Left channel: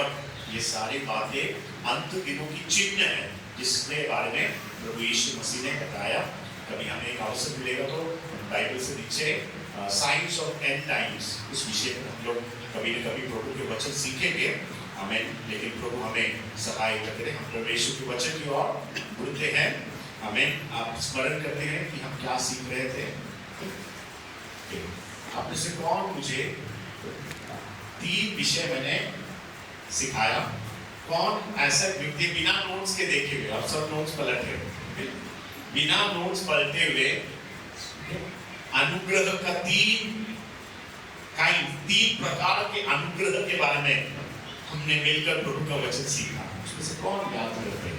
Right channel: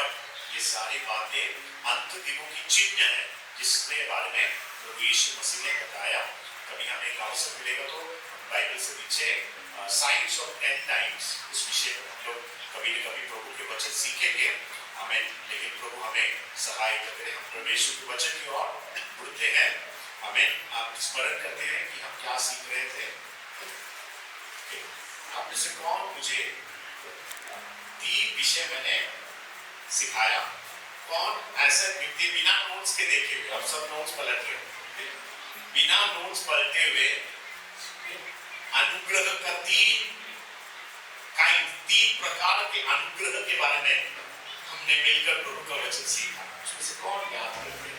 But ये सारी बातें अंत दिनों की चिन्ह है, जिसके बारे में प्रभु यीशु मसीह ने बताया। कभी हमें एक अवसर मिलेगा तो बाइबल से नीचे साइंस ऑफ एंड टाइम्स इस विषय पर हम लोग कभी न कभी प्रभु के वचन सीखेंगे। आमीन। लेकिन प्रभु हमें सहायता करें, हम परमेश्वर के वचन की ओर बढ़ते हैं। आमीन। आप स्मरण करते हैं कि हम क्या सीख रहे थे? आप में से कौन मुझे 3 विषय मैंने सिखाया? कौन ऐसा व्यक्ति बिना नोट्स के देखे हुए, आप सब नोट्स पलट रहे हो, बिना नोट्स पलटे हुए अनुग्रह का 3 प्रकार के अनुग्रह के बारे में हमने मिलकर प्रभु का वचन सीखा? उसमें से कौन याद करते हैं?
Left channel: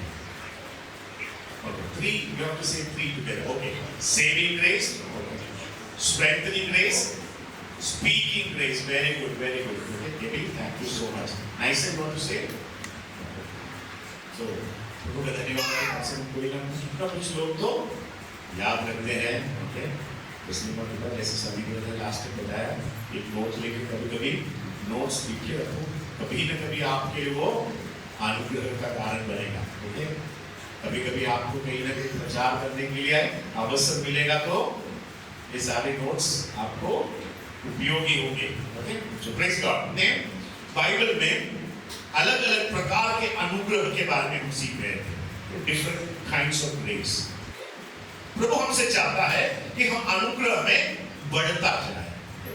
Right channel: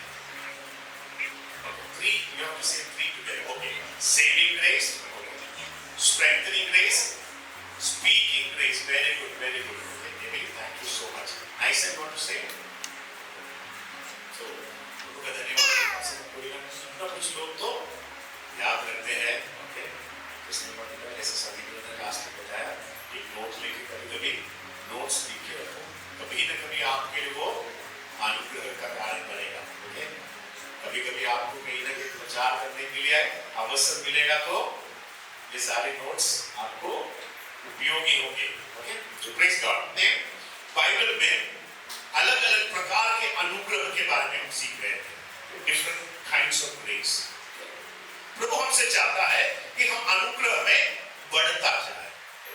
Okay, 3, you have to say 3 together. Okay. Saving grace, okay. Strengthening grace, speaking grace. Very good, very good. Okay, David, thank you so much. Nice and want to say? So, प्रभु का धन्यवाद है। आपसे कोई ना कुछ लोग तो याद रखते हैं। ओके, इसलिए मैं बताया जैसे सभी ने लास्ट में बताया, एक नोट लेके कभी-कभी नोट्स लिख के रखो, कभी न कभी आपके लिए वो अनुग्रह का कारण बनेगा। ओके, कभी-कभी आपको कहीं ना कहीं प्रचार करने के लिए अवसर मिलेगा तो ये सारे नोट्स आपको उपयोगी होंगे। ओके, तो प्रेज़ गॉड। ने बाइबल में अलग-अलग प्रकार के अनुग्रह के बारे में हम सीख रहे हैं, डिफरेंट काइंड्स ऑफ ग्रेस। प्रभु हमसे चाहता है कि हम अनुग्रह में बढ़ता जाए।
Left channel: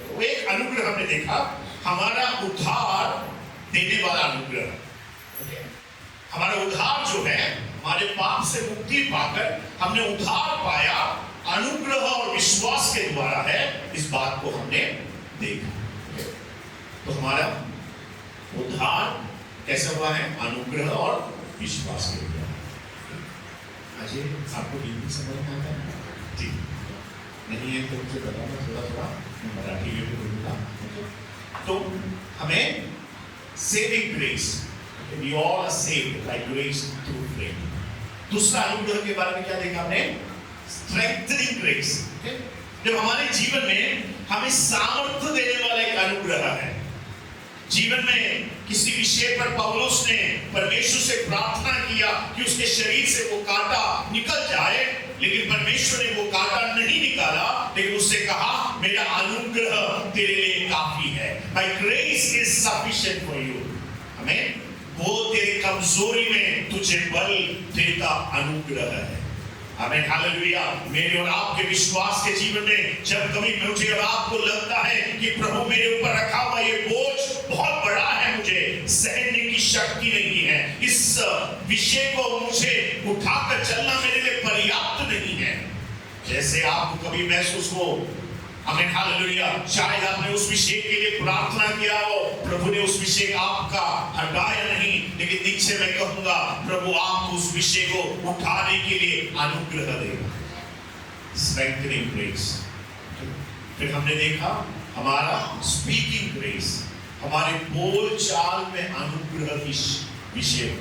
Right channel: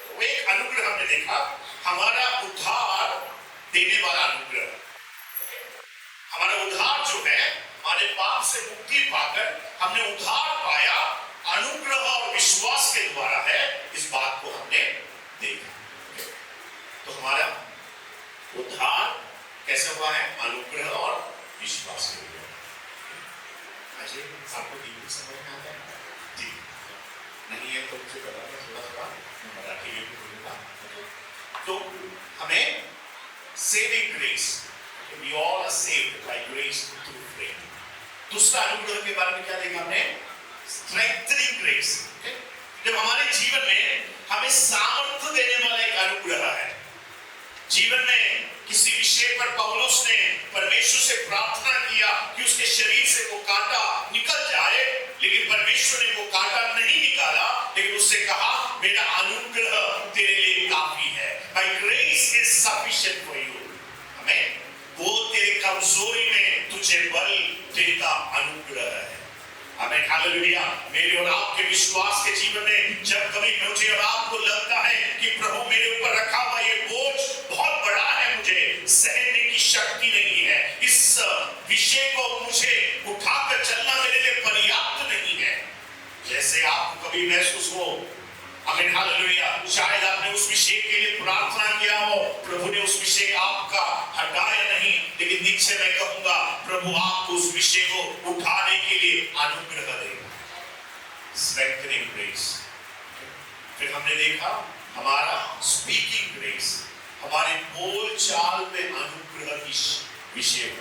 तो एक अनुग्रह हमने देखा, हमारा उद्धार देने वाला अनुग्रह। हमारा उद्धार जो है, हमारे पाप से मुक्ति पाकर हमने उद्धार पाया, अनुग्रह और विश्वास के द्वारा है। इस बात को हमने देखा। तो हमारा उद्धार कैसे हुआ है? अनुग्रह और विश्वास के द्वारा। अजय, आपको हिंदी समझ में आता है? जी नहीं है तो मुझे बताना, थोड़ा मराठी में भी बोलूँगा। तो हमें saving grace, we all are saved by grace through faith. दूसरा अनुग्रह के बारे में क्या देखा हमने? Strengthening grace. जब हमारे जीवन में हमें सामर्थ्य देने वाला एक अनुग्रह है। जीवन में किसी विषय पर पौलुस ने परमेश्वर से प्रार्थना किया कि उसके शरीर से वो कांटा निकल जाए, लेकिन परमेश्वर ने वो कांटा नहीं निकाला, लेकिन उससे कहा मेरा अनुग्रह तेरे लिए काफी है। My grace is sufficient for you. हमें वो तेरी कमजोरी में तुझे बल देता अनुग्रह है। आमीन, हालेलुया। मेरे और आपके विश्वास के जीवन में जब कभी मुझे और आपको लगता है कि प्रभु मेरे ऊपर रखा हुआ ये बोझ बहुत बड़ा है, मुझे सहने की शक्ति नहीं है, इस विषय को मुझे उठाकर चलना मेरे लिए पर्याप्त नहीं है, जैसे आपको कभी महसूस हो, आमीन, हालेलुया, शायद आपने उस विषय के लिए प्रार्थना किया हो, प्रभु ने उस विषय आपका हटाया नहीं, लेकिन नीचे मैं कहूंगा प्रभु आपको उस विषय को उठाने के लिए अनुग्रह देगा। Strengthening grace. फिर हमने देखा हमारा स्पीकिंग ग्रेस, हमारे बोल चाल में अनुग्रह की विषय हो।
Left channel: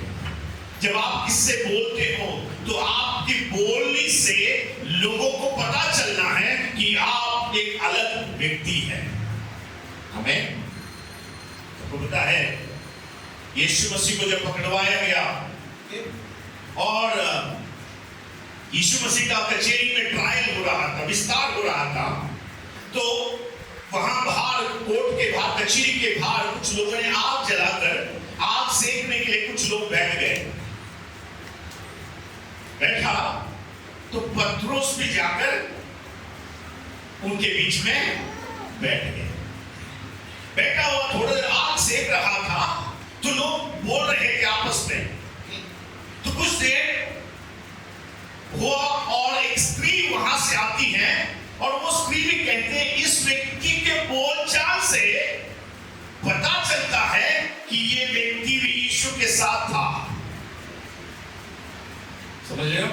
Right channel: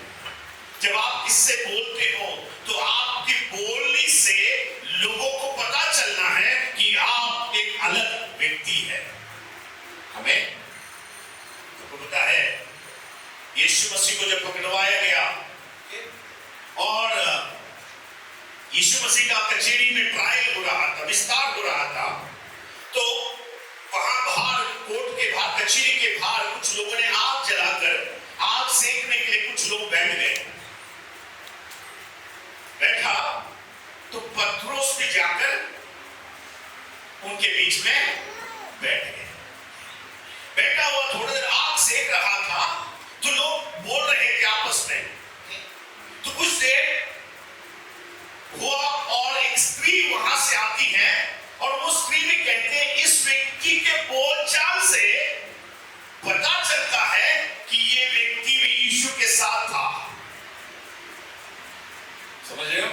जब आप किससे बोलते हो तो आपकी बोलने से लोगों को पता चलना है कि आप एक अलग व्यक्ति है। हमें तो पता है यीशु मसीह को जब पकड़वाया गया और यीशु मसीह का कचहरी में ट्रायल हो रहा था, विस्तार हो रहा था, तो वहां बाहर कोर्ट के बाहर, कचहरी के बाहर कुछ लोगों ने आग जलाकर आग सेकने के लिए कुछ लोग बैठ गए। बैठा तो पत्रोस भी जाकर उनके बीच में बैठ गए। बैठा हुआ थोड़ी देर आग सेक रहा था तो लोग बोल रहे थे आपस में। तो कुछ देर हुआ और एक स्त्री वहां से आती है और वो स्त्री भी कहते हैं इस व्यक्ति के बोलचाल से पता चलता है कि ये व्यक्ति भी यीशु के साथ था। समझ रहे हो?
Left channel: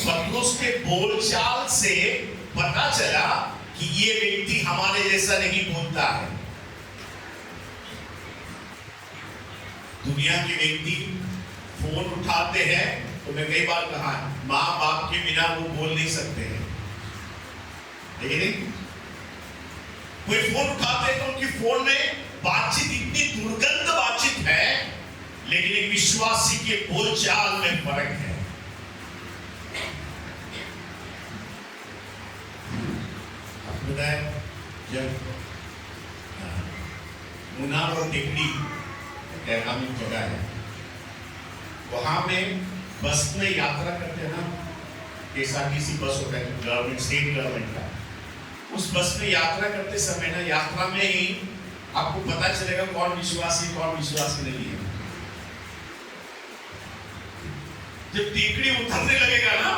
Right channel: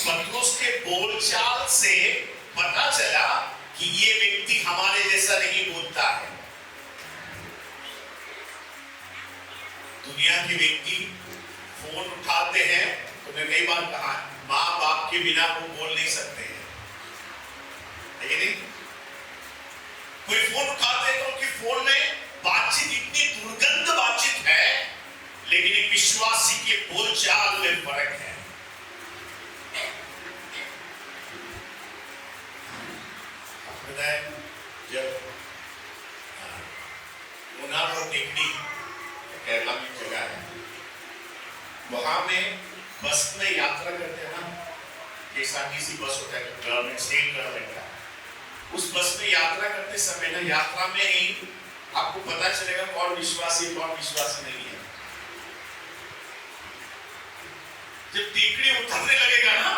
पत्रोस के बोलचाल से पता चला कि ये व्यक्ति हमारे जैसा नहीं बोलता है। दुनिया के व्यक्ति फोन उठाते हैं तो मैं कई बार कहा माँ बाप के बिना वो बोल नहीं सकते हैं, लेकिन नहीं कोई फोन उठाते हैं तो उनकी फोन में बातचीत इतनी दुर्गंध बातचीत है, लेकिन एक विश्वासी के बोलचाल में फर्क है। आपको पता है जब मुनार और टेकड़ी केरला में जगह है, वहां में बस में यात्रा करते हैं ना, KSRTC बस होता है गवर्नमेंट, स्टेट गवर्नमेंट का। उस बस में यात्रा करते समय ना, यात्रा में ही आपको पता चलेगा कौन विश्वासी कौन विश्वासी नहीं है। जब टेकड़ी उतरने लगेगा ना,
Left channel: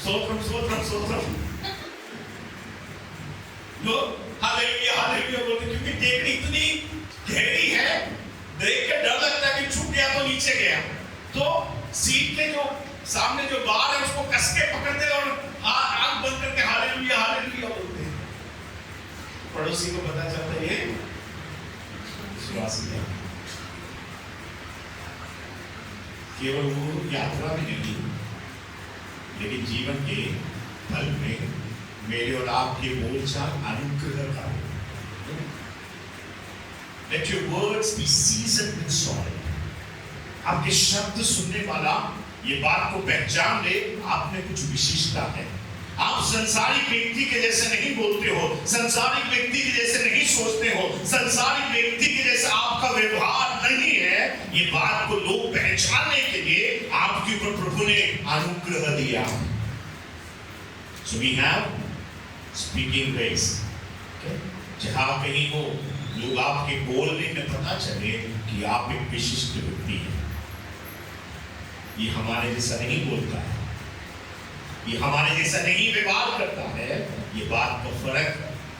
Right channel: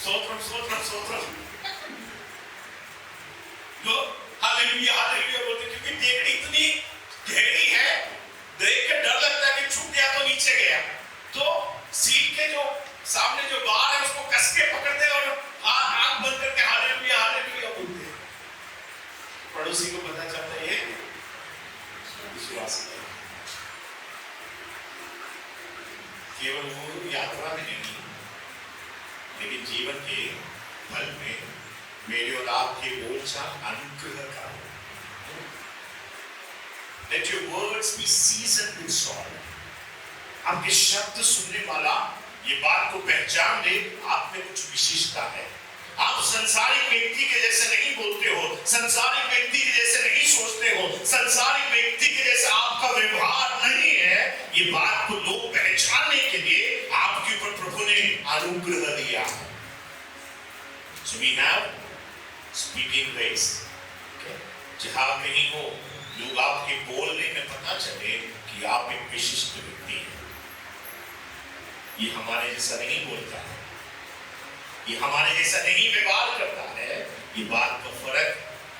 स्तोत्रम स्तोत्रम स्तोत्रम, लोग हालेलुया हालेलुया बोलते, क्योंकि टेकड़ी इतनी गहरी है, देख के डर लगता है कि छूट गया तो नीचे गया, तो सीट के जो सामने जो बार है उसको कस के पकड़ते और आंख बंद करके हालेलुया हालेलुया बोलते हैं। पड़ोसी को पता चलता है ये विश्वासी है। केवल वो यात्रा में नहीं, लेकिन जीवन के फल में मेरे और आपके बोलचाल अनुग्रह का हो। Let your words be seasoned with salt. आपके शब्द सुनने वाला ये बात को पहचान ले, आप में कुछ विशिष्टता है। आप संसारिक व्यक्ति के जैसे नहीं बोलते हो, संसारिक व्यक्ति के जैसे नहीं सोचते हो, संसारिक व्यक्ति के जैसे आपका व्यवहार नहीं है। ये बात को लोग पहचानने के लिए आपके ऊपर प्रभु ने अनुग्रह दिया। So we have speaking grace. जहां कहीं हो, लोग आपके बोलने में पता चले कि आप एक विशिष्ट व्यक्ति हैं। ये हमारे जैसा नहीं बोलता है, ये हमारे जैसा नहीं व्यवहार करता है। ये बात का फर्क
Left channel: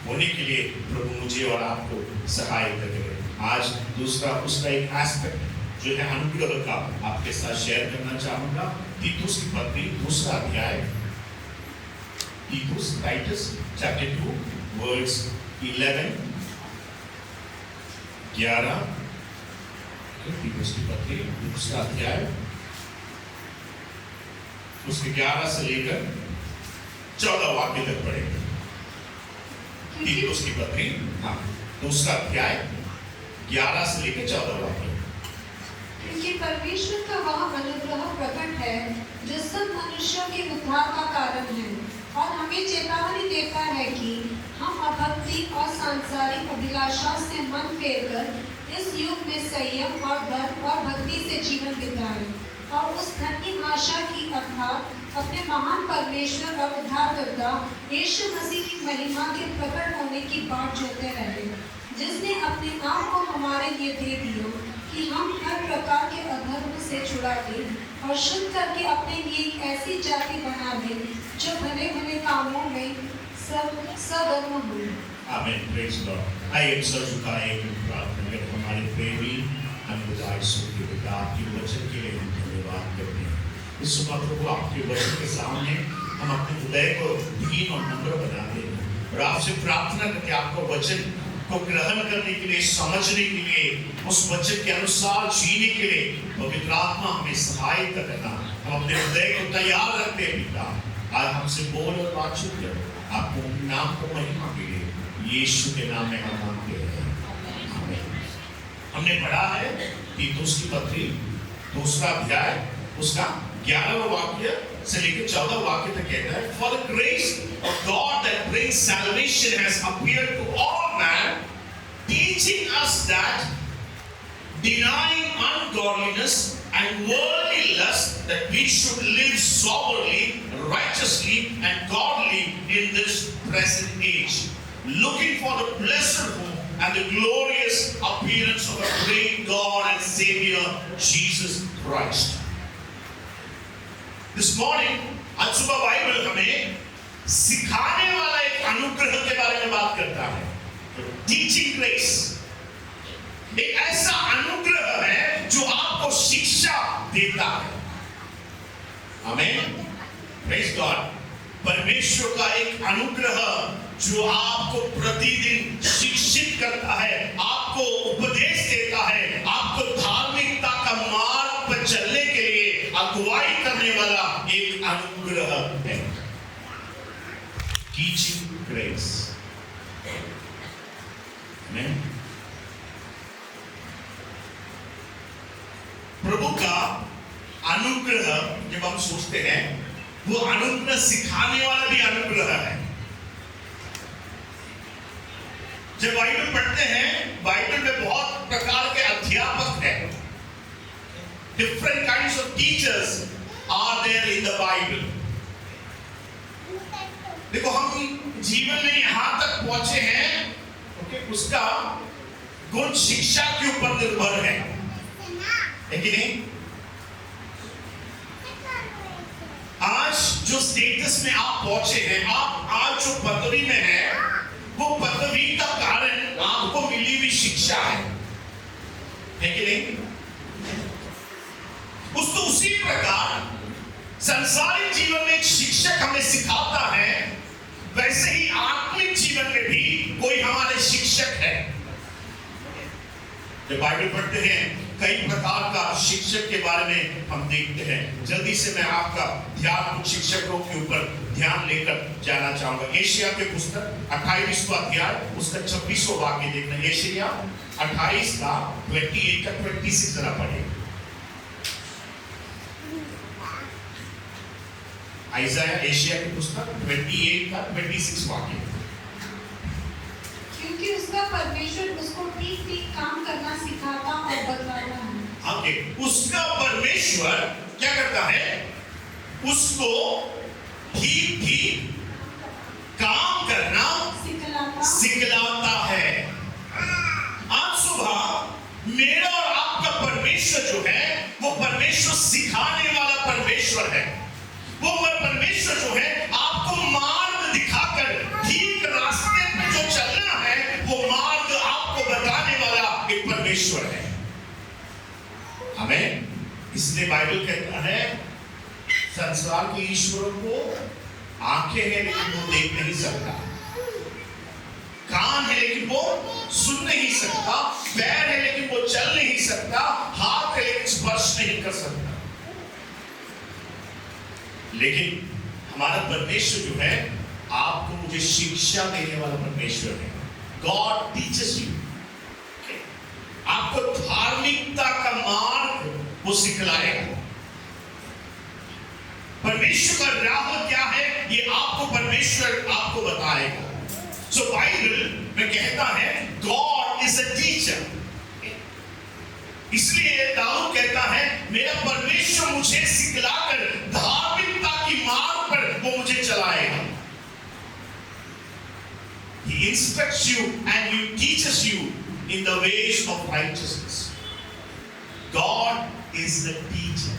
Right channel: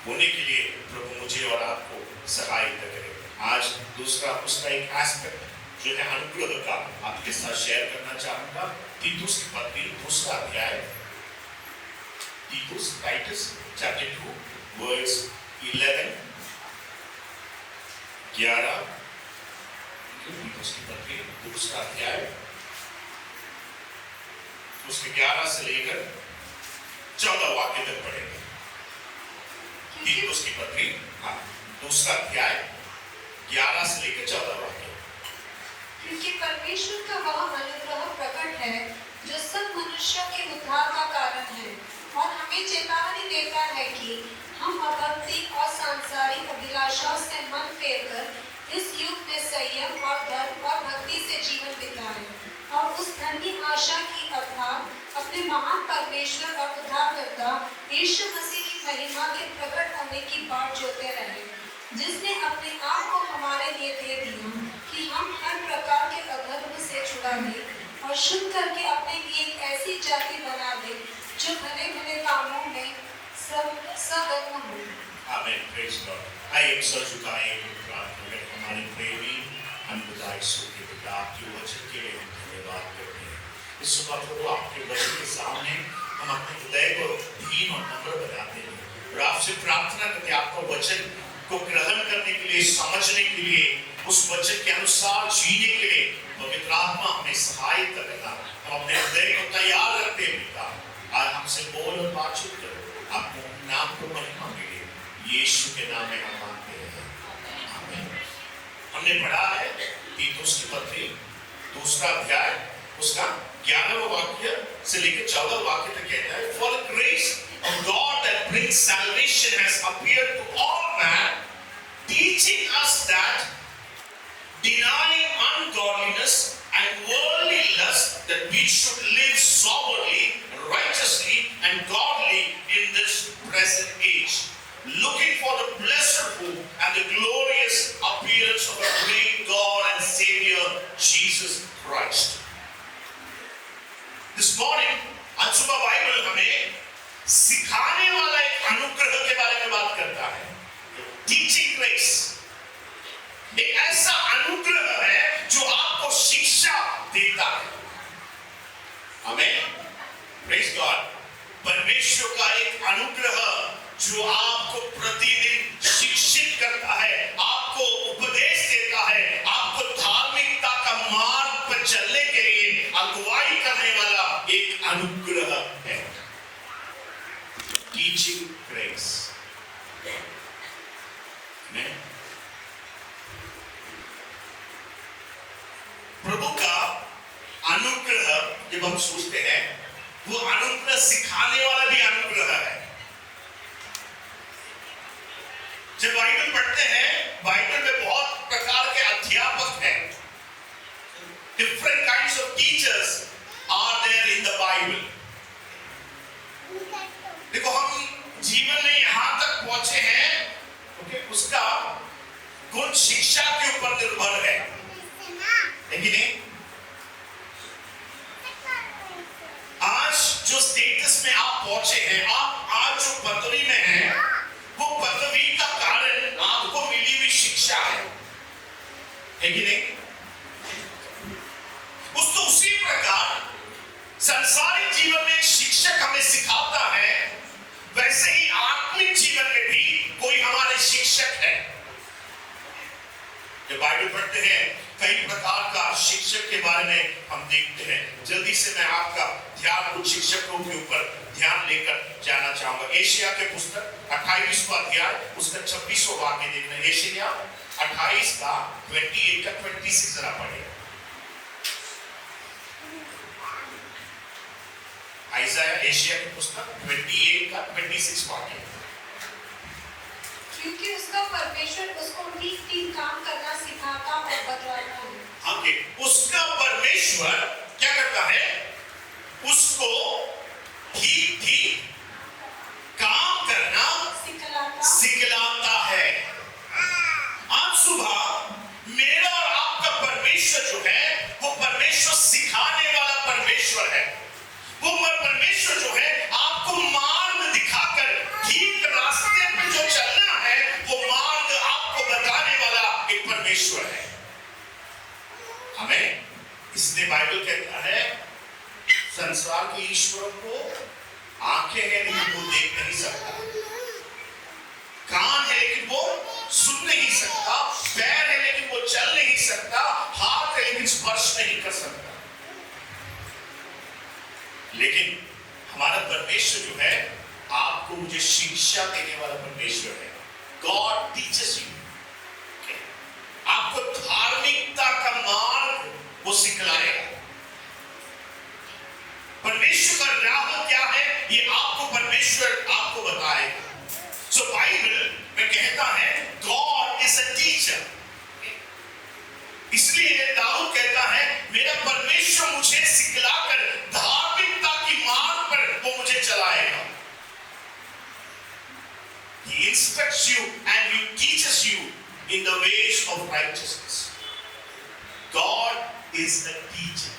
होने के लिए प्रभु मुझे और आपको सहायता करे। आज दूसरा उसका एक एस्पेक्ट जो है अनुग्रह का आपके साथ शेयर करना चाहूंगा। तीतुस की पत्री दूसरा अध्याय, तीतुस टाइटस चैप्टर 2 वर्ड्स 11 तीतुस की पत्री दूसरा अध्याय उसके 11 से लेकर 14 वाक्य तक पढ़ेंगे। तीतुस की पत्री दूसरा अध्याय 11 से लेकर 14 वाक्य। क्योंकि परमेश्वर का वह अनुग्रह प्रकट है जो सब मनुष्यों के उद्धार का कारण है, और हमें चेतावनी देता है कि हम अभक्ति और सांसारिक अभिलाषाओं से मन फेरकर इस युग में संयम और धर्म और भक्ति से जीवन बिताएं, और उस धन्य आशा की अर्थात अपने महान परमेश्वर और उद्धारकर्ता यीशु मसीह की महिमा के प्रकट होने की बाट जोते रहे, जिसने अपने आप को हमारे लिए दे दिया कि हम हर प्रकार के अधर्म से छुड़ा ले और शुद्ध करके अपने लिए एक ऐसी जाति बना ले जो भले भले कामों में सदर्म हो। आमीन, प्रेज गॉड। आइए एक सर झुकाएं, प्रार्थना करें। हमारे प्रेमी अनबुदाई सूर्य पिता, आपके वचन के लिए हम धन्यवाद करते हैं। इस सुबह प्रभु आपके वचन के सामने हम अपने हृदय को दीन और नम्र बनाते हैं और आपसे प्रार्थना करते हैं आपका वचन को ग्रहण करने के लिए, समझने के लिए, उस वचन के अनुसार जीने के लिए पवित्र आत्मा हमें सहायता करना। हम अपने हृदय को तैयार रखते हैं पिता, आज हमसे बोल और बातचीत करो, आपको नाम को महिमा मिले, यीशु के नाम में हम मांगते हैं, आमीन। हमने पढ़ा है तीतुस की पत्री दूसरा अध्याय उसका 11वां वाक्य से लेकर 14 वाक्य तक कहता है, For the grace of God that brings salvation has appeared to all men, teaching us that denying ungodliness and worldly lust, that we should live soberly, righteously, and godly in this present age, looking for the blessed hope and the glorious appearance of our great God and Savior Jesus Christ. This morning, आज सुबह Bible हमें सिखाने वाला एक अनुग्रह के बारे में बात करता है। टीचिंग ग्रेस एक ऐसा अनुग्रह है जो आपको शिक्षा देता है। आमीन, प्रेज गॉड। परमेश्वर का एक अनुग्रह जो आपको प्रतिदिन शिक्षित करता है, आपको उपदेश देता है, आपको धार्मिकता का मार्ग पर चलने के लिए अगुवाई करने वाला एक अनुग्रह है। Teaching grace. जब हम सोचते हैं वो अनुग्रह सिखाने वाला भी अनुग्रह है। जब बाइबल पढ़ते हैं, बाइबल में बहुत प्रकार के अध्यापक हैं। Different kinds of teachers are there in the Bible. देखो हम जीवन में यहां तक पहुंचे हैं, ओके, उसका गुण शिक्षा के ऊपर निर्भर है कि नहीं? आज जो स्टेटस में आप पहुंचे हैं, आप आज जो पदवी में हैं, वो पदवी का कारण आपको मिली हुई शिक्षा है कि नहीं? उसी प्रकार संसारिक जीवन में एक शिक्षक हमें सिखाता है, वैसे ही आत्मिक जीवन में भी कोई हमारे शिक्षक है। जब बाइबल पढ़ते हैं, कई प्रकार का शिक्षक के बारे में हम देखते हैं। जल्दी से मैं आपका ध्यान कुछ शिक्षकों के ऊपर ध्यान लेकर जाना चाहूंगा। एशिया के पुस्तक 28वां अध्याय उसका 26वां वाक्य देखना। एशिया 28 का 28 का 26 जरा पढ़े। आइज़ाया एशिया की पुस्तक 28 का 26 वाक्य। क्योंकि उसका परमेश्वर उसको ठीक ठीक काम करना सिखाता और बतलाता है। ओके, उसका परमेश्वर क्या करता है? उसको ठीक ठीक काम करना सिखलाता है। आज सुबह मेरा और आपका परमेश्वर जो है, वो परमेश्वर सिखाने वाला परमेश्वर है। वो परमेश्वर जो है आपको मार्ग दिखाकर ठीक रास्ते पे जो चलना है, वो मार्ग आपको बताने वाला एक परमेश्वर है। हमें इसलिए बाइबल कहता है, संसार के ईश्वर को आंखें हैं लेकिन वो देख नहीं सकता, कान है लेकिन वो सुन नहीं सकता, पैर है लेकिन वो चल नहीं सकता, हाथ है लेकिन स्पर्श नहीं कर सकता। लेकिन हमारा परमेश्वर जो है, आपको मुझे शिक्षा देने वाला परमेश्वर है। गॉड टीचेस यू, आपको धार्मिकता का मार्ग वो सिखलाएगा। परमेश्वर का राह क्या है, ये आपको परमेश्वर आपको बताएगा। सो बाइबल में कहता है गॉड इज अ टीचर। इसलिए दाऊद कहता है, मेरा परमेश्वर मुझे सिखलाकर धार्मिकता की मार्ग पर वो मुझे चलाएगा। He instructs you and He teaches you in the ways of righteousness. God is the teacher.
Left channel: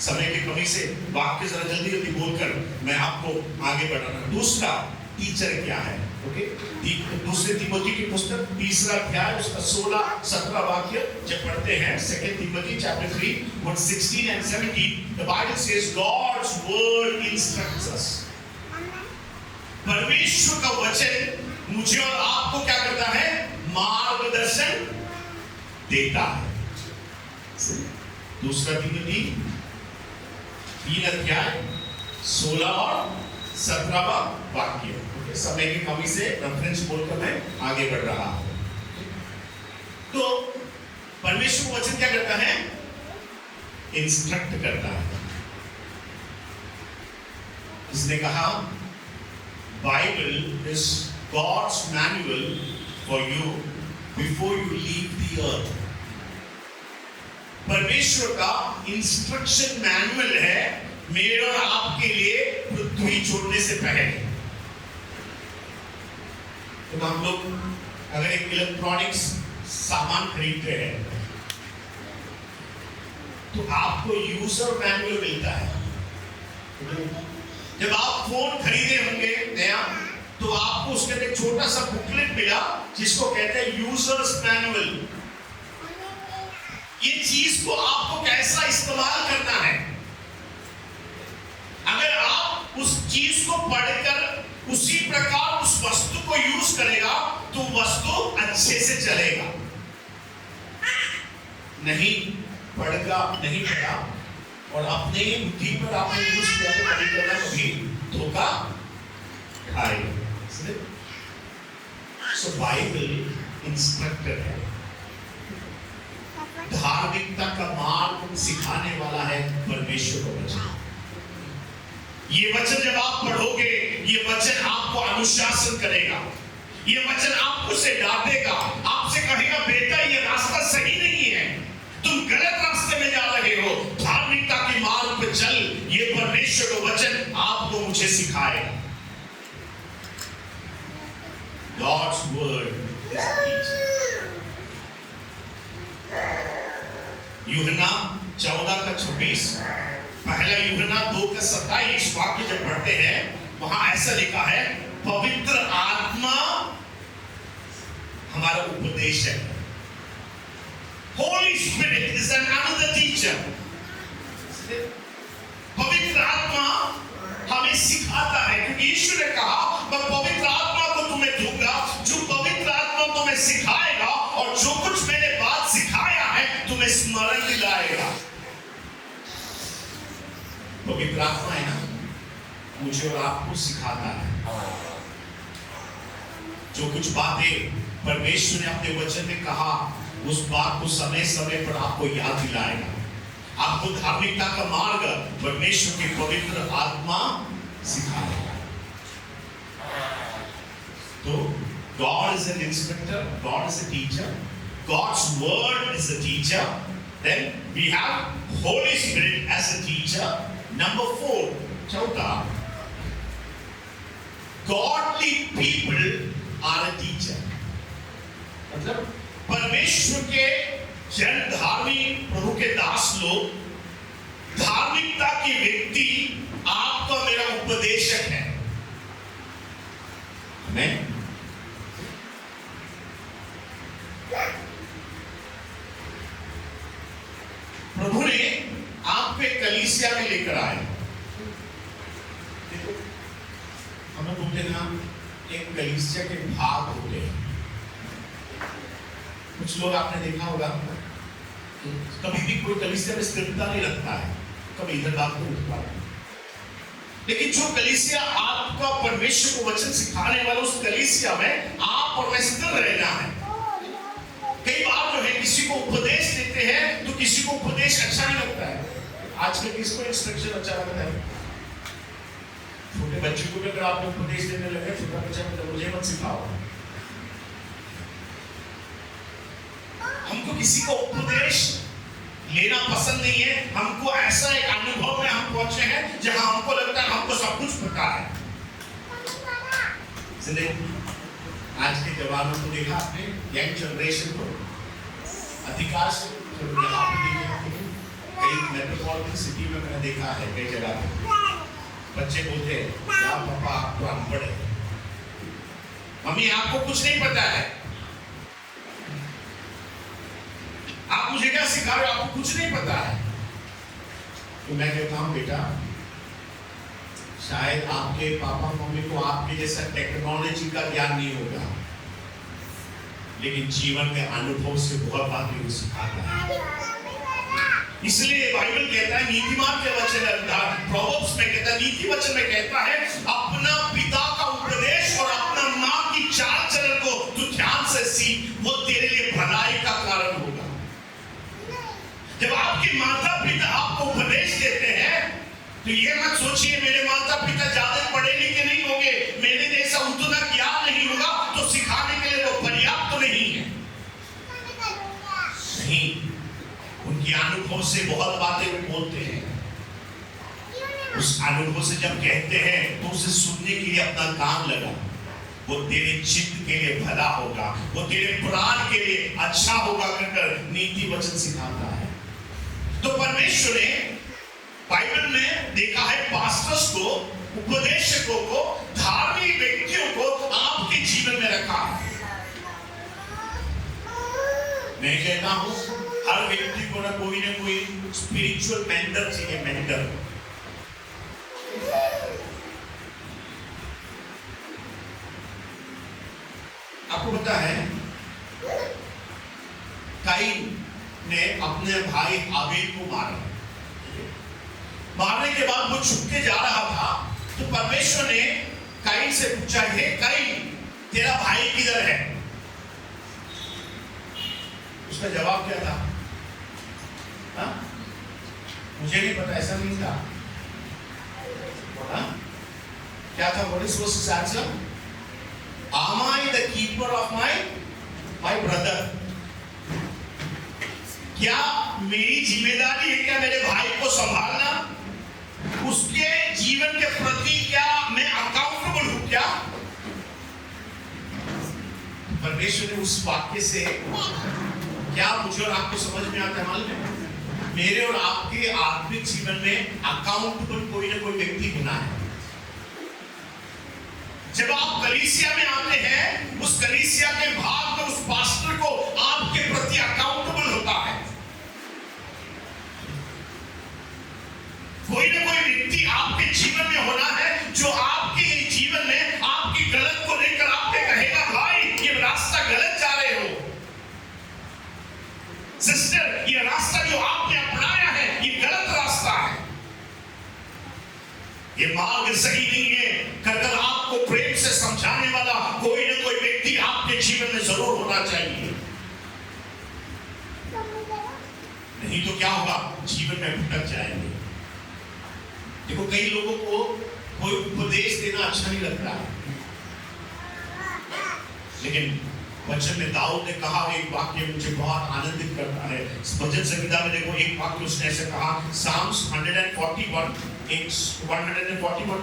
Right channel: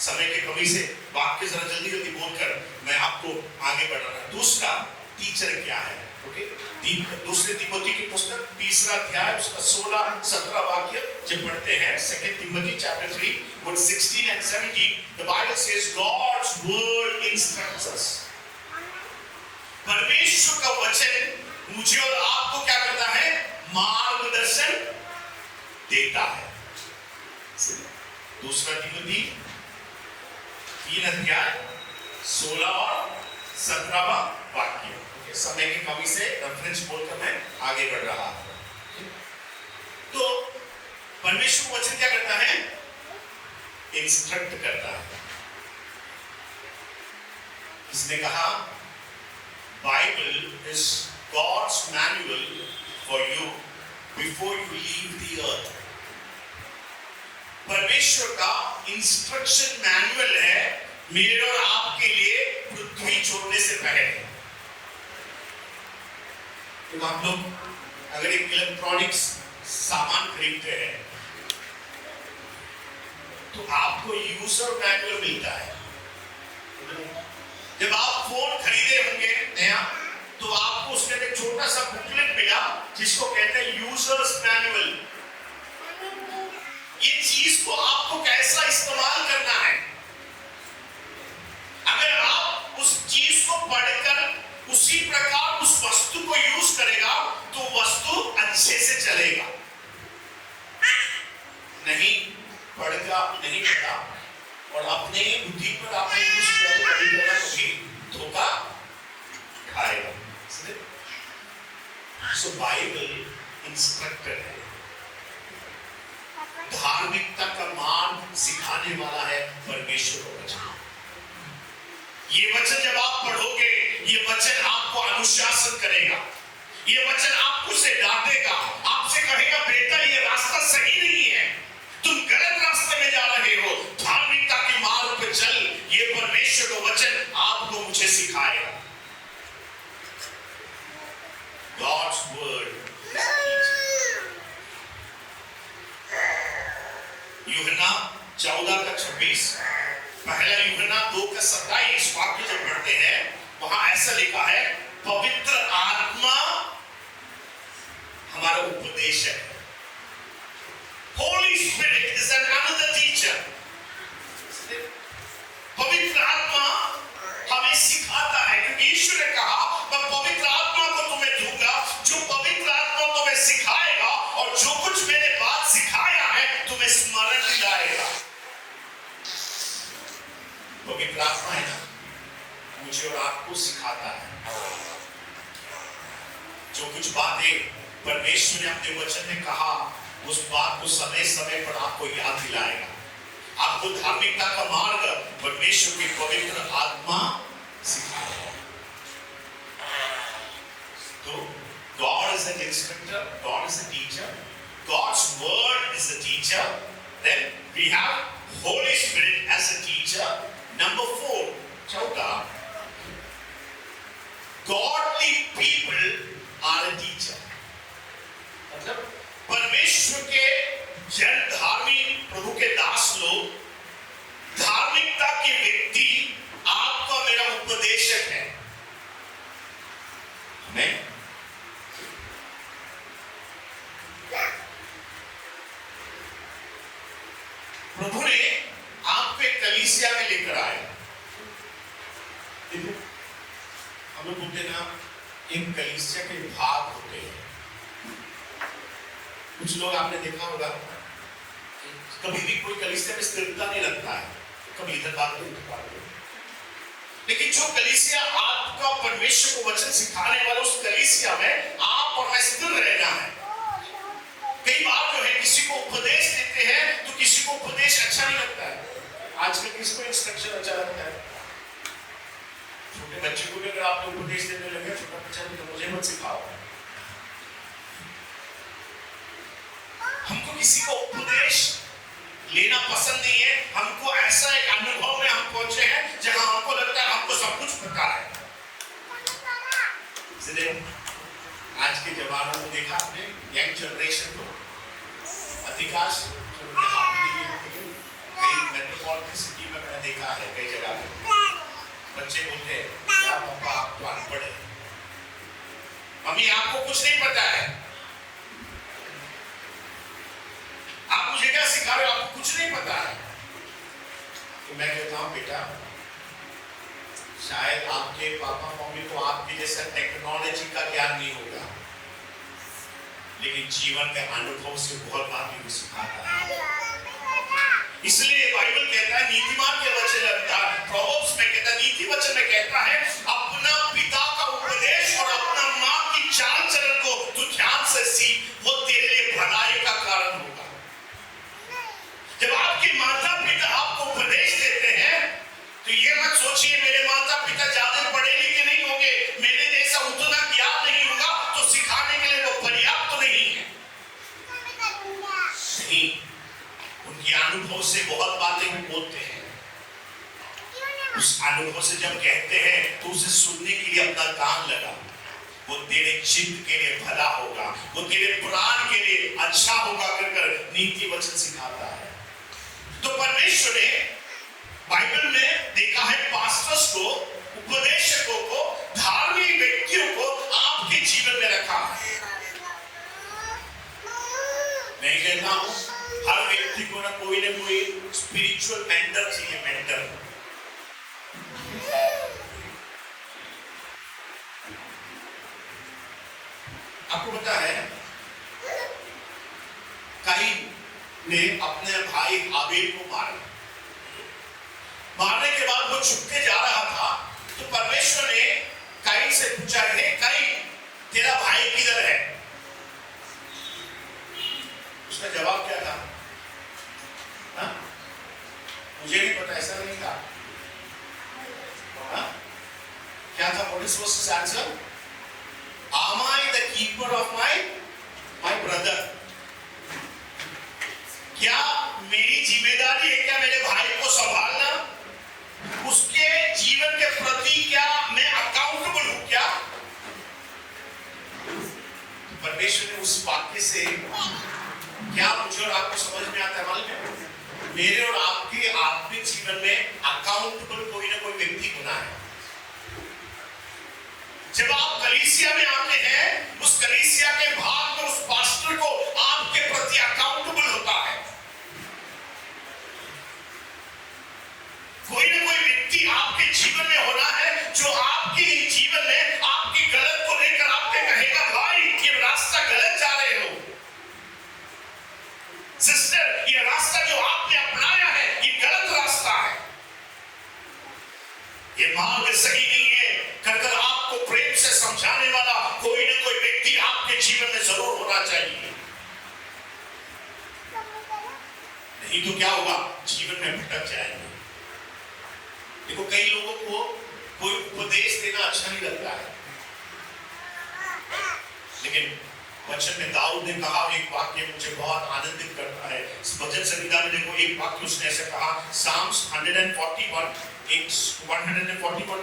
समय की कमी से वाक्य जरा जल्दी जल्दी बोलकर मैं आपको आगे बढ़ाना। दूसरा टीचर क्या है? ओके, दूसरे तिमोथी की पुस्तक 3रा अध्याय उसका 16-17 वाक्य जब पढ़ते हैं, 2 Timothy chapter 3 verse 16 and 17, the Bible says God's word instructs us. परमेश्वर का वचन मुझे और आपको क्या करता है? मार्गदर्शन देता है। दूसरा तिमोथी 3 अध्याय 16 और 17 वाक्य। समय की कमी से रेफरेंस बोलकर मैं आगे बढ़ रहा हूं। तो परमेश्वर का वचन क्या करता है? इंस्ट्रक्ट करता है। इसने कहा Bible is God's manual for you before you leave the earth. परमेश्वर का इंस्ट्रक्शन मैनुअल है मेरे और आपके लिए पृथ्वी छोड़ने से पहले। तो हम लोग अगर एक इलेक्ट्रॉनिक्स सामान खरीदते हैं तो आपको यूजर मैनुअल मिलता है। जब आप फोन खरीदे होंगे नया, तो आपको उसके अंदर छोटा सा बुकलेट मिला जिसको कहते हैं यूजर्स मैनुअल। ये चीज को आपको कैसा इस्तेमाल करना है, अगर आप उस चीज को पढ़कर उसी प्रकार उस वस्तु को यूज करेगा तो वस्तु अच्छे से चलेगा। नहीं पढ़ेगा, नहीं पढ़ा और अपने बुद्धि पर आपने यूज किया तो कभी करना कभी धोखा खाएगा। सो बाइबल इंस्ट्रक्टर है। धार्मिकता का मार्ग सिखाने वाला है परमेश्वर का वचन। ये वचन जब आप पढ़ोगे, ये वचन आपको अनुशासन करेगा, ये वचन आपको से डांटेगा, आपसे कहेगा बेटा ये रास्ता सही नहीं है, तुम गलत रास्ते में जा रहे हो, धार्मिकता के मार्ग पर चल। ये परमेश्वर का वचन आपको मुझे सिखाएगा। God's word is teaching. यूहन्ना 14:26, पहला यूहन्ना 2:27 वाक्य जब पढ़ते हैं वहां ऐसा लिखा है, पवित्र आत्मा हमारा उपदेशक है। Holy Spirit is another teacher. पवित्र आत्मा हमें सिखाता है, क्योंकि यीशु ने कहा मैं पवित्र आत्मा को तुम्हें दूंगा, जो पवित्र आत्मा तुम्हें सिखाएगा और जो कुछ मैंने बात सिखाया है तुम्हें स्मरण दिलाएगा। पवित्र आत्मा है ना, मुझे और आपको सिखाता है। जो कुछ बातें परमेश्वर ने अपने वचन में कहा, उस बात को समय समय पर आपको याद दिलाएगा। आपको धार्मिकता का मार्ग परमेश्वर की पवित्र आत्मा सिखाएगा। तो God is an instructor, God is a teacher, God's word is a teacher. Then we have Holy Spirit as a teacher. Number 4, चौथा, godly people are a teacher. मतलब परमेश्वर के जन, धार्मिक प्रभु के दास लोग, धार्मिकता के व्यक्ति आपका मेरा उपदेशक है। आमीन। प्रभु ने आपको एक कलीसिया में लेकर आए। देखो, हम लोग बोलते ना, एक कलीसिया के भाग होते हैं। कुछ लोग आपने देखा होगा कभी भी कोई कलीसिया में स्थिरता नहीं रखता है, कभी इधर बात करो उधर बात करो। लेकिन जो कलीसिया आपका परमेश्वर को वचन सिखाने वाला, उस कलीसिया में आप और मैं स्थिर रहना है। कई बार जो है किसी को उपदेश देते हैं तो किसी को उपदेश अच्छा नहीं लगता है। आजकल किसको इंस्ट्रक्शन अच्छा लगता है? छोटे बच्चे को भी अगर आपने उपदेश देने लगे, छोटा बच्चा तो मुझे मत सिखाओ। हमको किसी को उपदेश लेना पसंद नहीं है। हमको ऐसा एक अनुभव में हम पहुंचे हैं जहां हमको लगता है हमको सब कुछ पता है। आज के जवानों को देखा आपने, यंग जनरेशन को, अधिकांश कई मेट्रोपॉलिटन सिटी में मैंने देखा है, कई जगह पे बच्चे बोलते हैं क्या पापा आप तो अनपढ़ है, मम्मी आपको कुछ नहीं पता है, आप मुझे क्या सिखा रहे हो, आपको कुछ नहीं पता है। तो मैं कहता हूं बेटा, शायद आपके पापा मम्मी को आपके जैसा टेक्नोलॉजी का ज्ञान नहीं होगा, लेकिन जीवन के अनुभव से बहुत बातें वो सिखाता है। इसलिए बाइबल कहता है, नीतिमान के वचन, प्रोवर्ब्स में कहता है, नीति वचन में कहता है, अपना पिता का उपदेश और अपना माँ की चाल चलन को तू ध्यान से सीख, वो तेरे लिए भलाई का कारण होगा। जब आपके माता पिता आपको उपदेश देते हैं तो ये मत सोचिए मेरे माता पिता ज्यादा पढ़े लिखे नहीं होंगे, मेरे जैसा उतना ज्ञान नहीं होगा तो सिखाने के लिए वो पर्याप्त तो नहीं है। नहीं, उनके अनुभव से बहुत बातें वो बोलते हैं। उस अनुभव से जब कहते हैं तो उसे सुनने के लिए अपना कान लगा। वो तेरे चित्त के लिए भला होगा, वो तेरे प्राण के लिए अच्छा होगा कर नीति वचन सिखाता है। तो परमेश्वर ने बाइबल में देखा है, पास्टर्स को, उपदेशकों को, धार्मिक व्यक्तियों को आपके जीवन में रखा है। मैं कहता हूं हर व्यक्ति को ना कोई स्पिरिचुअल मेंटर चाहिए, मेंटर। आपको पता है काइन ने अपने भाई हाबिल को मारा। मारने के बाद वो छुपके जा रहा था तो परमेश्वर ने काइन से पूछा, हे काइन, तेरा भाई किधर है? उसका जवाब क्या था? this verse's answer? Am I the keeper of my brother? क्या मेरी जिम्मेदारी है क्या मेरे भाई को संभालना, उसके जीवन के प्रति क्या मैं अकाउंटेबल हूं क्या? परमेश्वर ने उस वाक्य से क्या मुझे और आपको समझ में आता है मालूम है? मेरे और आपके आत्मिक जीवन में अकाउंटेबल कोई ना कोई व्यक्ति होना है। जब आप कलीसिया में आते हैं, उस कलीसिया के भाग में उस पास्टर को आपके प्रति अकाउंटेबल होता है। कोई ना कोई व्यक्ति आपके जीवन में होना है जो आपके जीवन में आपकी गलत को लेकर आपके कहेगा, भाई ये रास्ता गलत जा रहे हो, सिस्टर ये रास्ता जो आपने अपनाया है ये गलत रास्ता है, ये मार्ग सही नहीं है, कर आपको प्रेम से समझाने वाला कोई ना कोई व्यक्ति आपके जीवन में जरूर होना चाहिए। नहीं तो क्या होगा, जीवन में भटक जाएंगे। देखो कई लोगों को कोई उपदेश देना अच्छा नहीं लगता है, लेकिन वचन में दाऊद ने कहा एक वाक्य मुझे बहुत आनंदित करता है। भजन संहिता में देखो एक वाक्य उसने ऐसे कहा, Psalms 141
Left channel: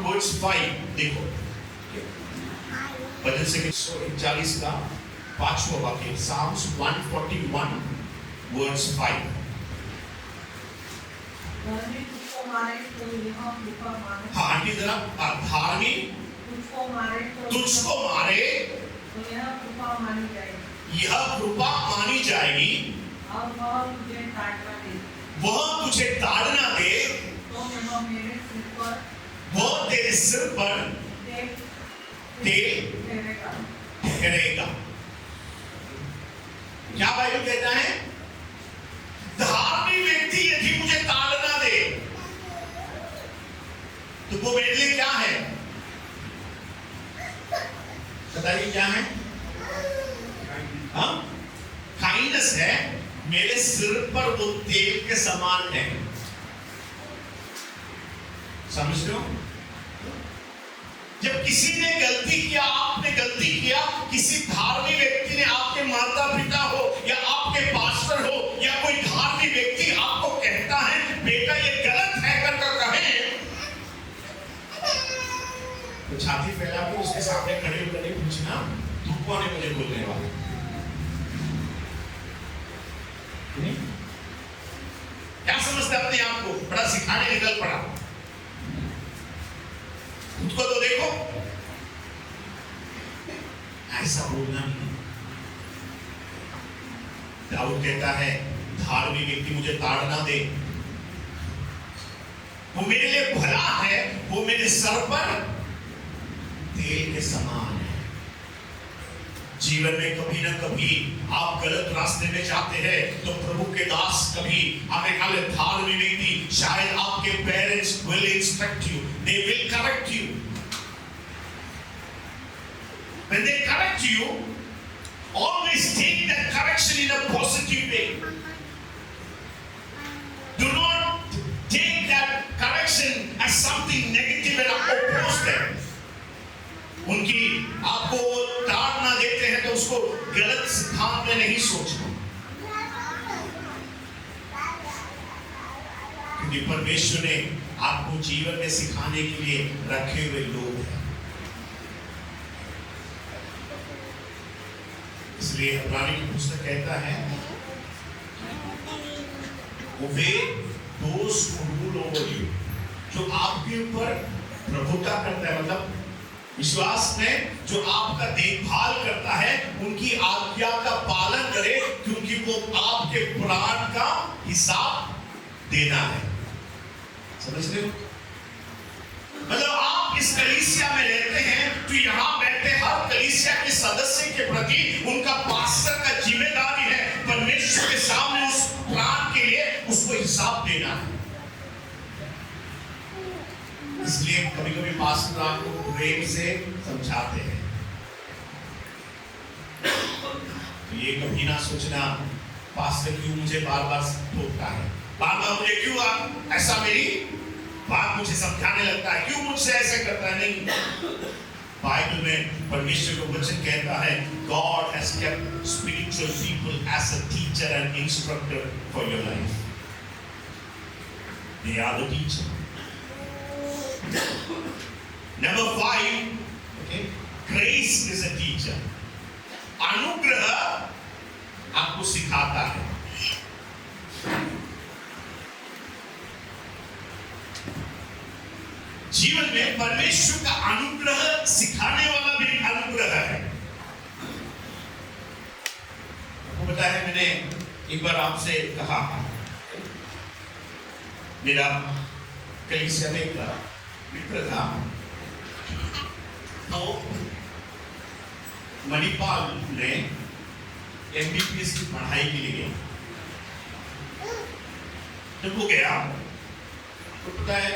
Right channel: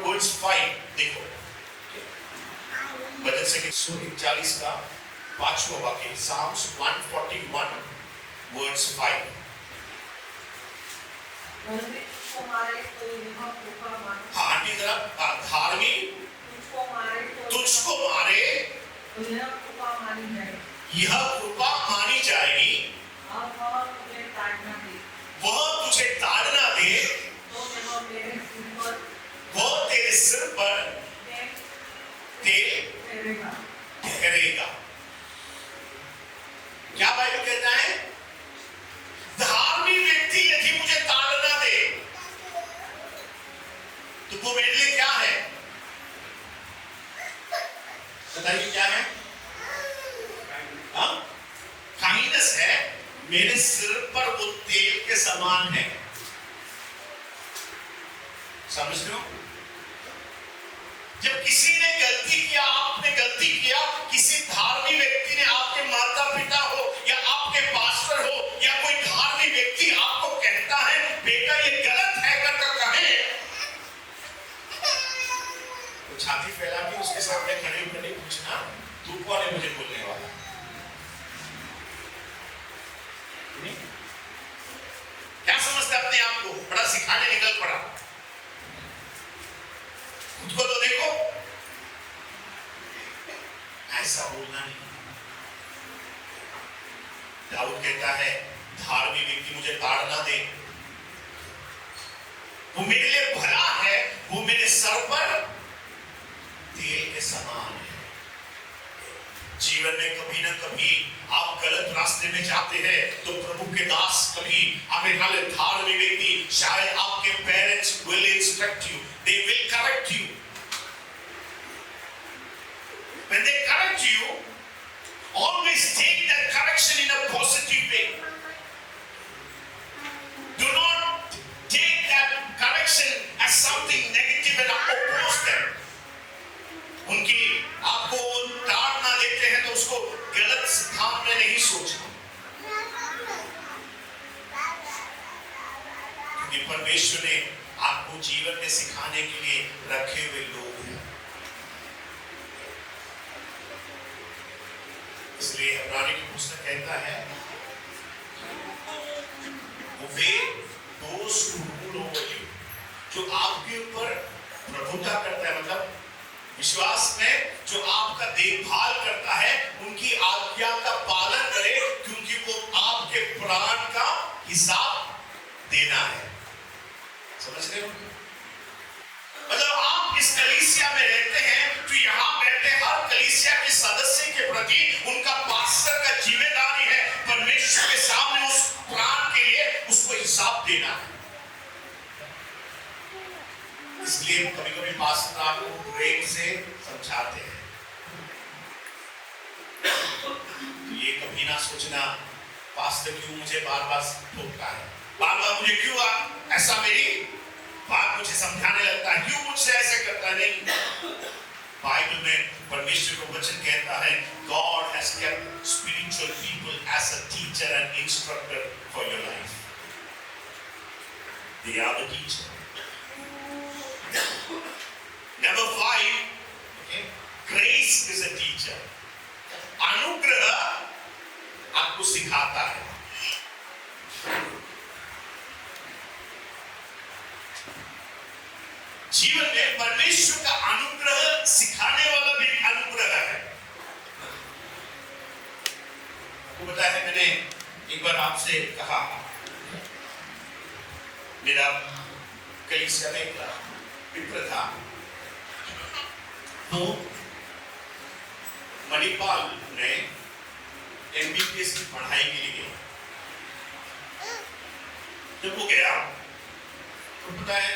वर्ड्स 5, देखो भजन संहिता 141 का 5वां वाक्य, Psalms 141 वर्ड्स 5। हाँ आंटी जरा, धार्मिक तुझको मारे तो यह कृपा मानी जाएगी, यह कृपा मानी जाएगी, और वह तुझे ताड़ना दे, वह तुझे ताड़ना दे, तो वह मेरे सिर पर, वह तेरे सिर पर ठहरेगा। ठहरेगा। क्या बाइबल कहता है? धार्मिक व्यक्ति यदि मुझे ताड़ना दे तो वो मेरे लिए क्या है? बताइए क्या है? हाँ, काइंडनेस है। मेरे सिर पर वो तेल के समान है। समझ रहे हो? जब किसी ने गलती किया, आपने गलती किया, किसी धार्मिक व्यक्ति ने, आपके माता पिता हो या आपके पास्टर हो या कोई धार्मिक व्यक्ति आपको कहता है बेटा ये गलत है करके कहे, तो छाती फैला के उसके सामने खड़े होकर नहीं पूछना तू कौन है मुझे बोलने वाला। क्या समझते अपने आप को बड़ा सिखाने निकल पड़ा? खुद को तो देखो, ऐसा बोलना नहीं। दाऊद कहता है धार्मिक व्यक्ति मुझे ताड़ना दे, वो मेरे लिए भला है, वो मेरे सर पर तेल के समान है। जीवन में कभी ना कभी आप गलत रास्ते में जाते हैं तो प्रभु के दास कभी हमें धार्मिक व्यक्ति, शायद आपके parents will instruct you, they will correct you. When they correct you, always take that correction in a positive way. Do not take that correction as something negative and oppose them. उनकी आपको ताड़ना देते हैं तो उसको गलत सिद्धांत में नहीं सोचना, क्योंकि परमेश्वर ने आपको जीवन में सिखाने के लिए रखे हुए लोग हैं। इसलिए इब्रानी की पुस्तक कहता है obey those who rule over you, जो आपके ऊपर प्रभुता करता है, मतलब विश्वास में जो आपका देखभाल करता है, उनकी आज्ञा का पालन करे, क्योंकि वो आपके प्राण का हिसाब देना है। समझ रहे हो? मतलब आप इस कलीसिया में रहते हैं तो यहाँ बैठे हर कलीसिया के सदस्य के प्रति उनका पास्टर का जिम्मेदारी है परमेश्वर के सामने उस प्राण के लिए उसको हिसाब देना है। इसलिए कभी कभी पास्टर आपको प्रेम से समझाते हैं, तो ये कभी ना सोचना पास्टर क्यों मुझे बार बार टोकता है, बार बार मुझे क्यों ऐसा मेरी बात मुझे समझाने लगता है, क्यों मुझसे ऐसे करता है। नहीं, बाइबल में परमेश्वर का वचन कहता है God has kept spiritual people as a teacher and instructor for your life. They are the teacher. Number 5, okay, grace is a teacher. अनुग्रह आपको सिखाता है. जीवन में परमेश्वर का अनुग्रह सिखाने वाला भी अनुग्रह है. आपको पता है मैंने एक बार आपसे कहा, मेरा कलीसिया में एक मित्र था, तो मणिपाल ने MBBS की पढ़ाई के लिए गया. जब वो गया तो पता है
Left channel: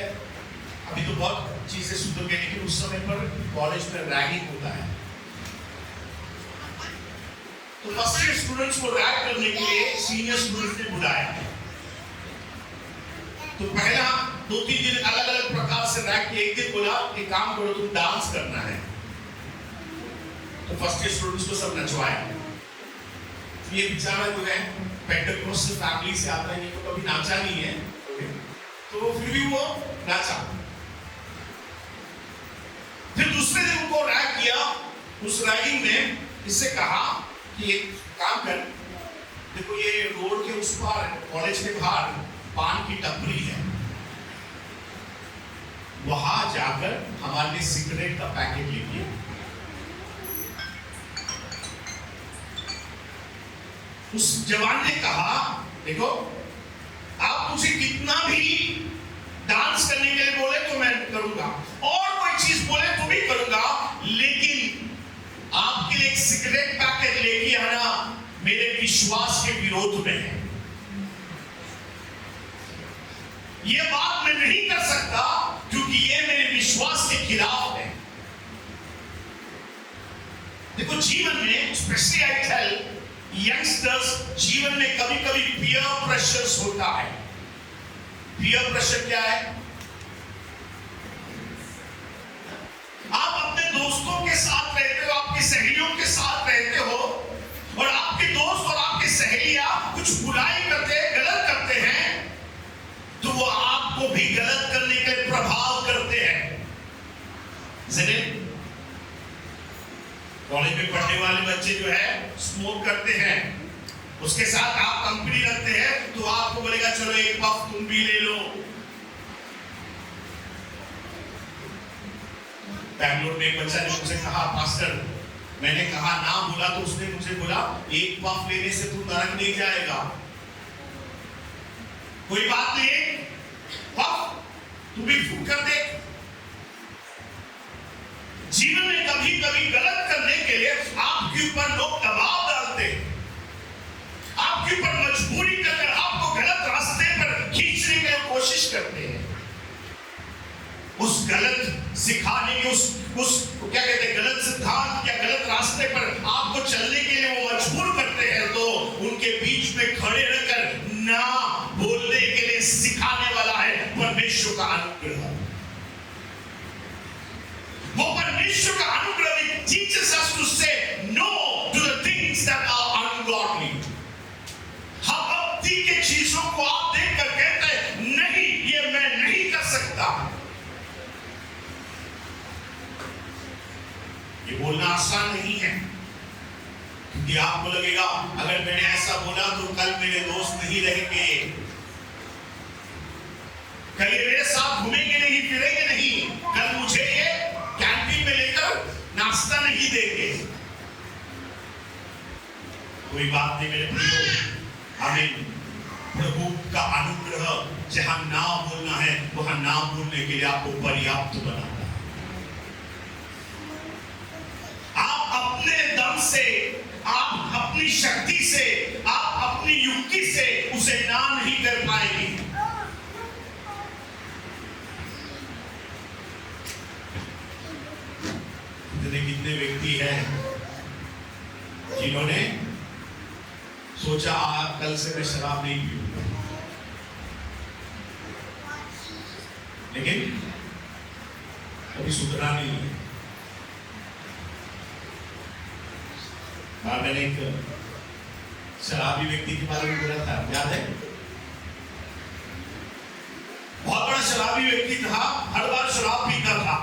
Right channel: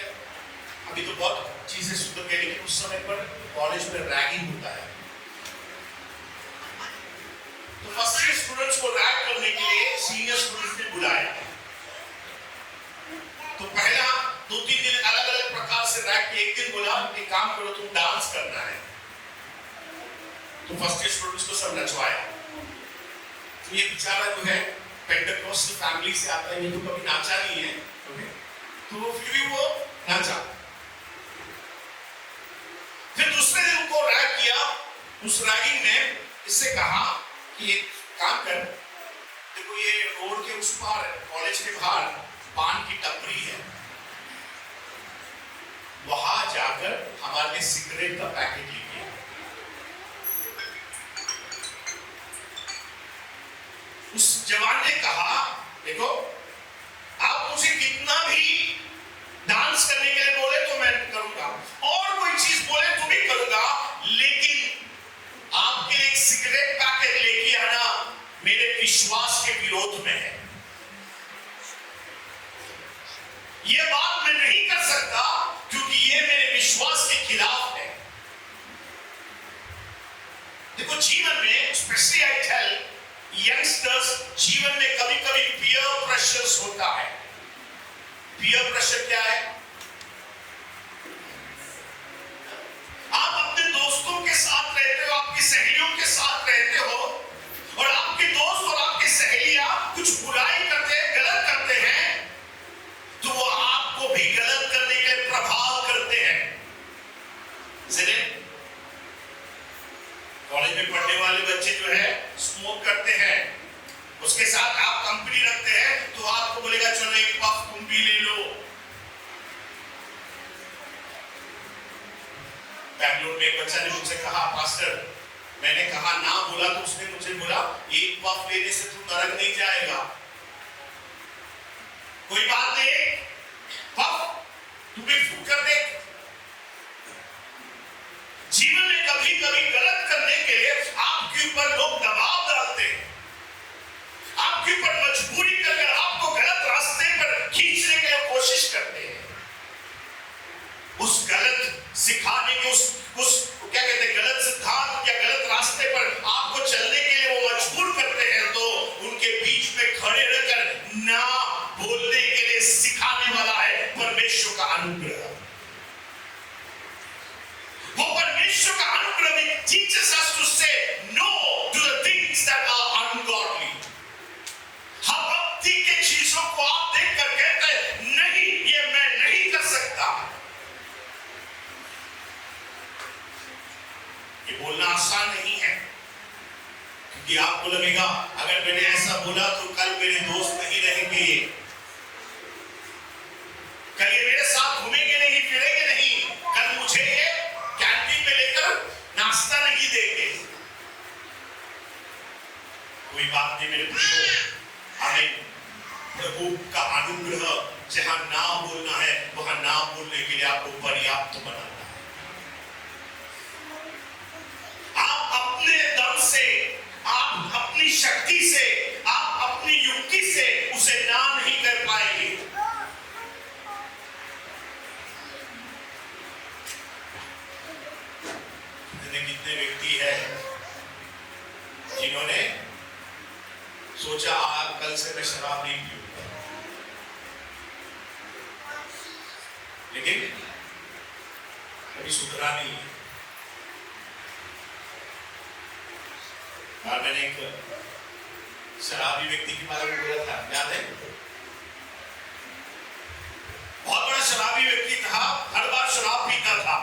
अभी तो बहुत चीजें सुधर गई, लेकिन उस समय पर कॉलेज में रैगिंग होता है. तो फर्स्ट ईयर स्टूडेंट्स को रैग करने के लिए सीनियर स्टूडेंट्स ने बुलाया. तो पहला 2-3 दिन अलग अलग प्रकार से रैग किए. एक दिन बोला कि काम करो, तुम डांस करना है. तो फर्स्ट ईयर स्टूडेंट्स को सब नचवाया. तो ये बेचारा जो है पेंटेकोस्टल फैमिली से आता है, ये तो कभी नाचा नहीं है, तो फिर भी वो नाचा. फिर दूसरे दिन उनको रैग किया. उस रैगिंग ने इससे कहा कि एक काम कर, देखो ये रोड के उस पार कॉलेज के बाहर पान की टपरी है, वहां जाकर हमारे लिए सिगरेट का पैकेट लीजिए. उस जवान ने कहा, देखो आप मुझे कितना भी डांस करने के लिए बोले तो मैं करूंगा, और कोई चीज बोले तो भी करूंगा, लेकिन आपके लिए एक सिगरेट पैकेट लेके आना मेरे विश्वास के विरोध में है. यह बात मैं नहीं कर सकता क्योंकि यह मेरे विश्वास के खिलाफ है. देखो जीवन में स्पेशली आई टेल यंगस्टर्स, जीवन में कभी कभी पीयर प्रेशर्स होता है. पीयर प्रेशर क्या है? आप अपने दोस्तों के साथ रहते हो, आपकी सहेलियों के साथ रहते हो, और आपके दोस्त और आपकी सहेलियां कुछ बुराई करते हैं, गलत करते हैं, तो वो आपको भी गलत करने के लिए प्रभाव करते हैं. कॉलेज में पढ़ने वाले बच्चे जो है स्मोक करते हैं, उसके साथ आप कंपनी रखते हैं, तो आपको बोलेगा चलो एक पफ तुम भी ले लो. बैंगलोर में एक बच्चा ने मुझसे कहा, पास्टर मैंने कहा ना बोला, तो उसने मुझे बोला एक पफ लेने से तू नरक नहीं जाएगा. कोई बात नहीं, पफ तू भी फूक कर दे. जीवन में कभी कभी गलत करने के लिए आपके ऊपर लोग दबाव डालते हैं, आपके ऊपर मजबूरी करके आपको गलत रास्ते पर खींचने की कोशिश करते हैं. उस गलत सिखाने के उस क्या कहते हैं, गलत सिद्धांत या गलत रास्ते पर आपको चलने के लिए वो मजबूर करते हैं. तो उनके बीच में खड़े रहकर ना बोलने के लिए सिखाने वाला है परमेश्वर का अनुग्रह. वो परमेश्वर का अनुग्रह भी teaches us to say no to the things that are ungodly. हम भक्ति के चीजों को आप देखकर कहते हैं नहीं, ये मैं नहीं कर सकता. ये बोलना आसान नहीं है, क्योंकि आपको लगेगा अगर मैंने ऐसा बोला तो कल मेरे दोस्त नहीं रहेंगे, कल ये मेरे साथ घूमेंगे नहीं, फिरेंगे नहीं, कल मुझे ये कैंटीन में लेकर नाश्ता नहीं देंगे. कोई बात नहीं मेरे प्रियो, हमें प्रभु का अनुग्रह जहां ना बोलना है वहां ना बोलने के लिए आपको पर्याप्त बनाता है. आप अपने दम से, आप अपनी शक्ति से, आप अपनी युक्ति से उसे ना नहीं कर पाएंगे. कितने व्यक्ति हैं जिन्होंने सोचा कल से मैं शराब नहीं पीऊंगा, लेकिन कभी सुधरा नहीं है. बार मैंने एक शराबी व्यक्ति के बारे में बोला था, याद है? बहुत बड़ा शराबी व्यक्ति था, हर बार शराब पीता था।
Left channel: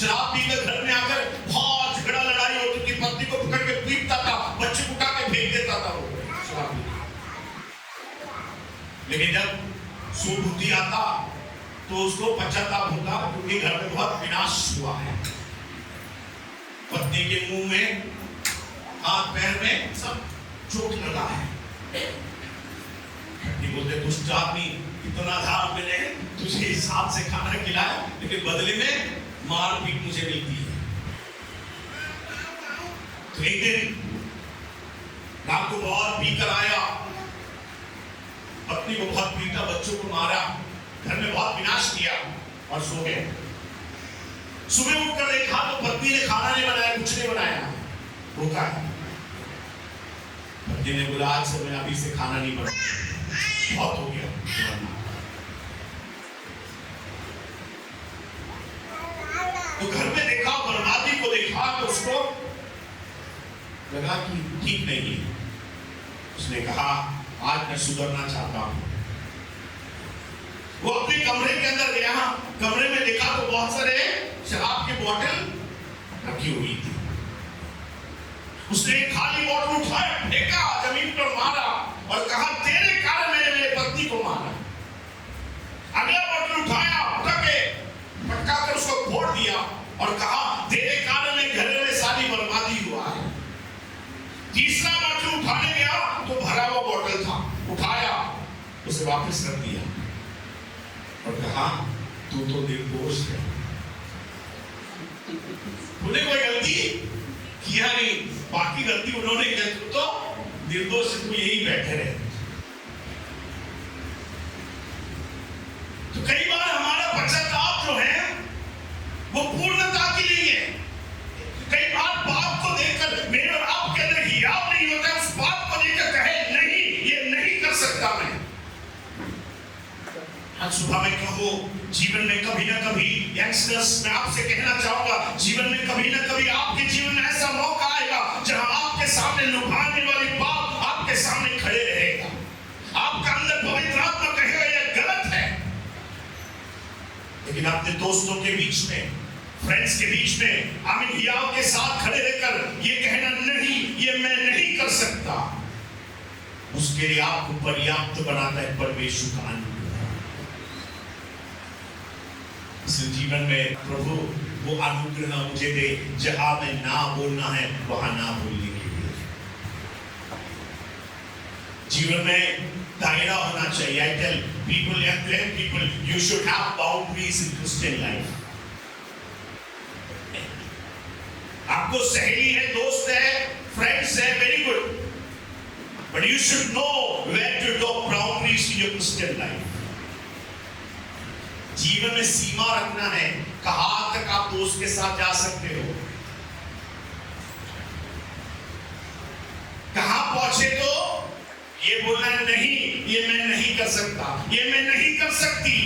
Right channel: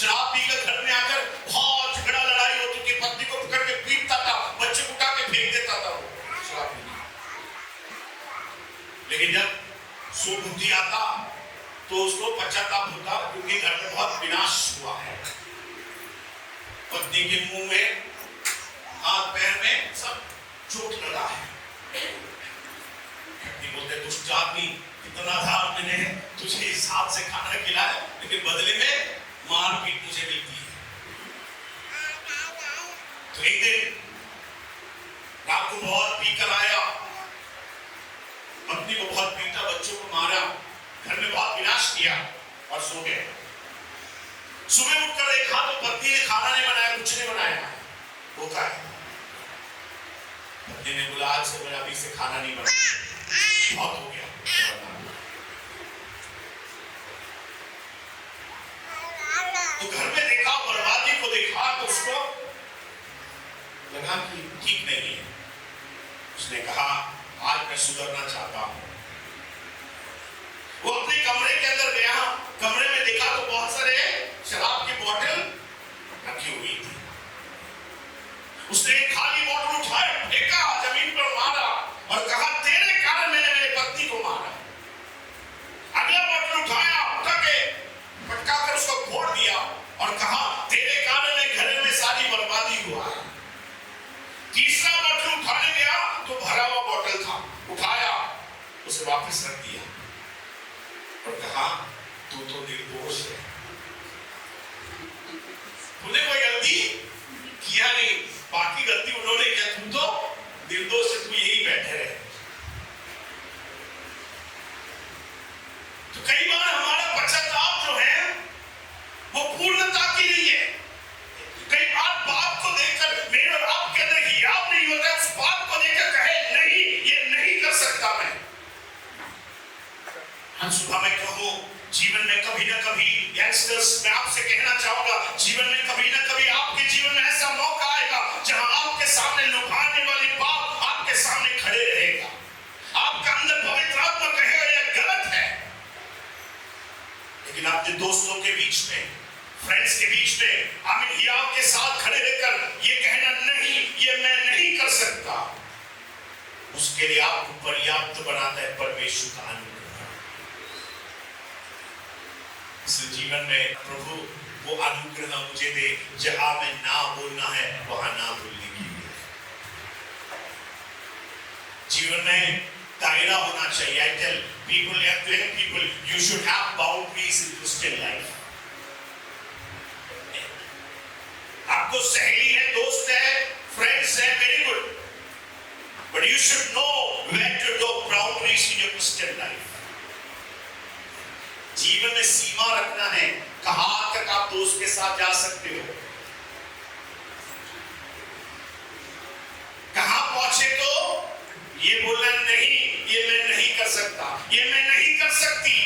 शराब पीकर घर में आकर बहुत झगड़ा लड़ाई होती थी, पत्नी को पकड़ के पीटता था, बच्चे को उठा के फेंक देता था वो शराब पी। लेकिन जब सुबुद्धि आता तो उसको पश्चाताप होता, क्योंकि घर में बहुत विनाश हुआ है। पत्नी के मुंह में, हाथ पैर में सब चोट लगा है। पत्नी बोलते, दुष्ट आदमी, इतना धार मैंने तुझे हिसाब से खाना खिलाया, लेकिन बदले में मार पीट मुझे मिलती है। तो एक दिन रात को बहुत पी कर आया, पत्नी को बहुत पीटा, बच्चों को मारा, घर में बहुत विनाश किया और सो गए। सुबह उठकर देखा तो पत्नी ने खाना नहीं बनाया, कुछ नहीं बनाया, भूखा है। पत्नी ने बोला, आज से मैं अभी से खाना नहीं बनाऊंगा, बहुत हो गया। तो घर में देखा, बर्बादी को देखा तो उसको लगा कि ठीक नहीं है। उसने कहा, आज मैं सुधरना चाहता हूं। वो अपने कमरे के अंदर गया, कमरे में देखा तो बहुत सारे शराब की बोतल रखी हुई थी। उसने एक खाली बोतल उठाया, फेंका, जमीन पर मारा और कहा, तेरे कारण मैंने मेरे पत्नी को मारा। अगला बोतल उठाया, पटका कर उसको फोड़ दिया और कहा, तेरे कारण में घर में सारी बर्बादी हुआ है। तीसरा बोतल उठाने गया तो भरा हुआ बोतल था, उठाया, उसे वापस रख दिया और कहा, तू तो निर्दोष है, तूने कोई गलती किया नहीं, बाकी गलती उन्होंने किया, तू तो निर्दोष है, तू यही बैठे रहे। तो कई बार हमारा पश्चाताप जो है वो पूर्णता की नहीं है। कई बार बात को देखकर मेरे और आपके अंदर हियाव नहीं होता है, उस बात को देखकर कहे, नहीं, ये नहीं कर सकता मैं। आज सुबह में कहो, जीवन में कभी ना कभी, यंगस्टर्स, मैं आपसे कहना चाहूंगा, जीवन में कभी ना कभी आपके जीवन में ऐसा मौका आएगा जहां आपके सामने लुभाने वाली बात आपके सामने खड़े रहेगा। आपका अंदर पवित्र आत्मा कहेगा यह गलत है, लेकिन अपने दोस्तों के बीच में, फ्रेंड्स के बीच में, आमीन, हियाव के साथ खड़े रहकर ये कहना, नहीं, ये मैं नहीं कर सकता, उसके लिए आपको पर्याप्त बनाता है परमेश्वर का अनुग्रह। इस जीवन में प्रभु वो अनुग्रह मुझे दे, जहां में ना बोलना है वहां ना बोलने के लिए। जीवन में दायरा होना चाहिए। I tell people, young people, you should have boundaries in Christian life. आपको सहेली है, दोस्त है, फ्रेंड्स है, very good. But you should know where to draw boundaries in your Christian life. जीवन में सीमा रखना है, कहां तक आप दोस्त के साथ जा सकते हो, कहां पहुंचे तो ये बोलना, नहीं, ये मैं नहीं कर सकता, ये मैं नहीं कर सकती,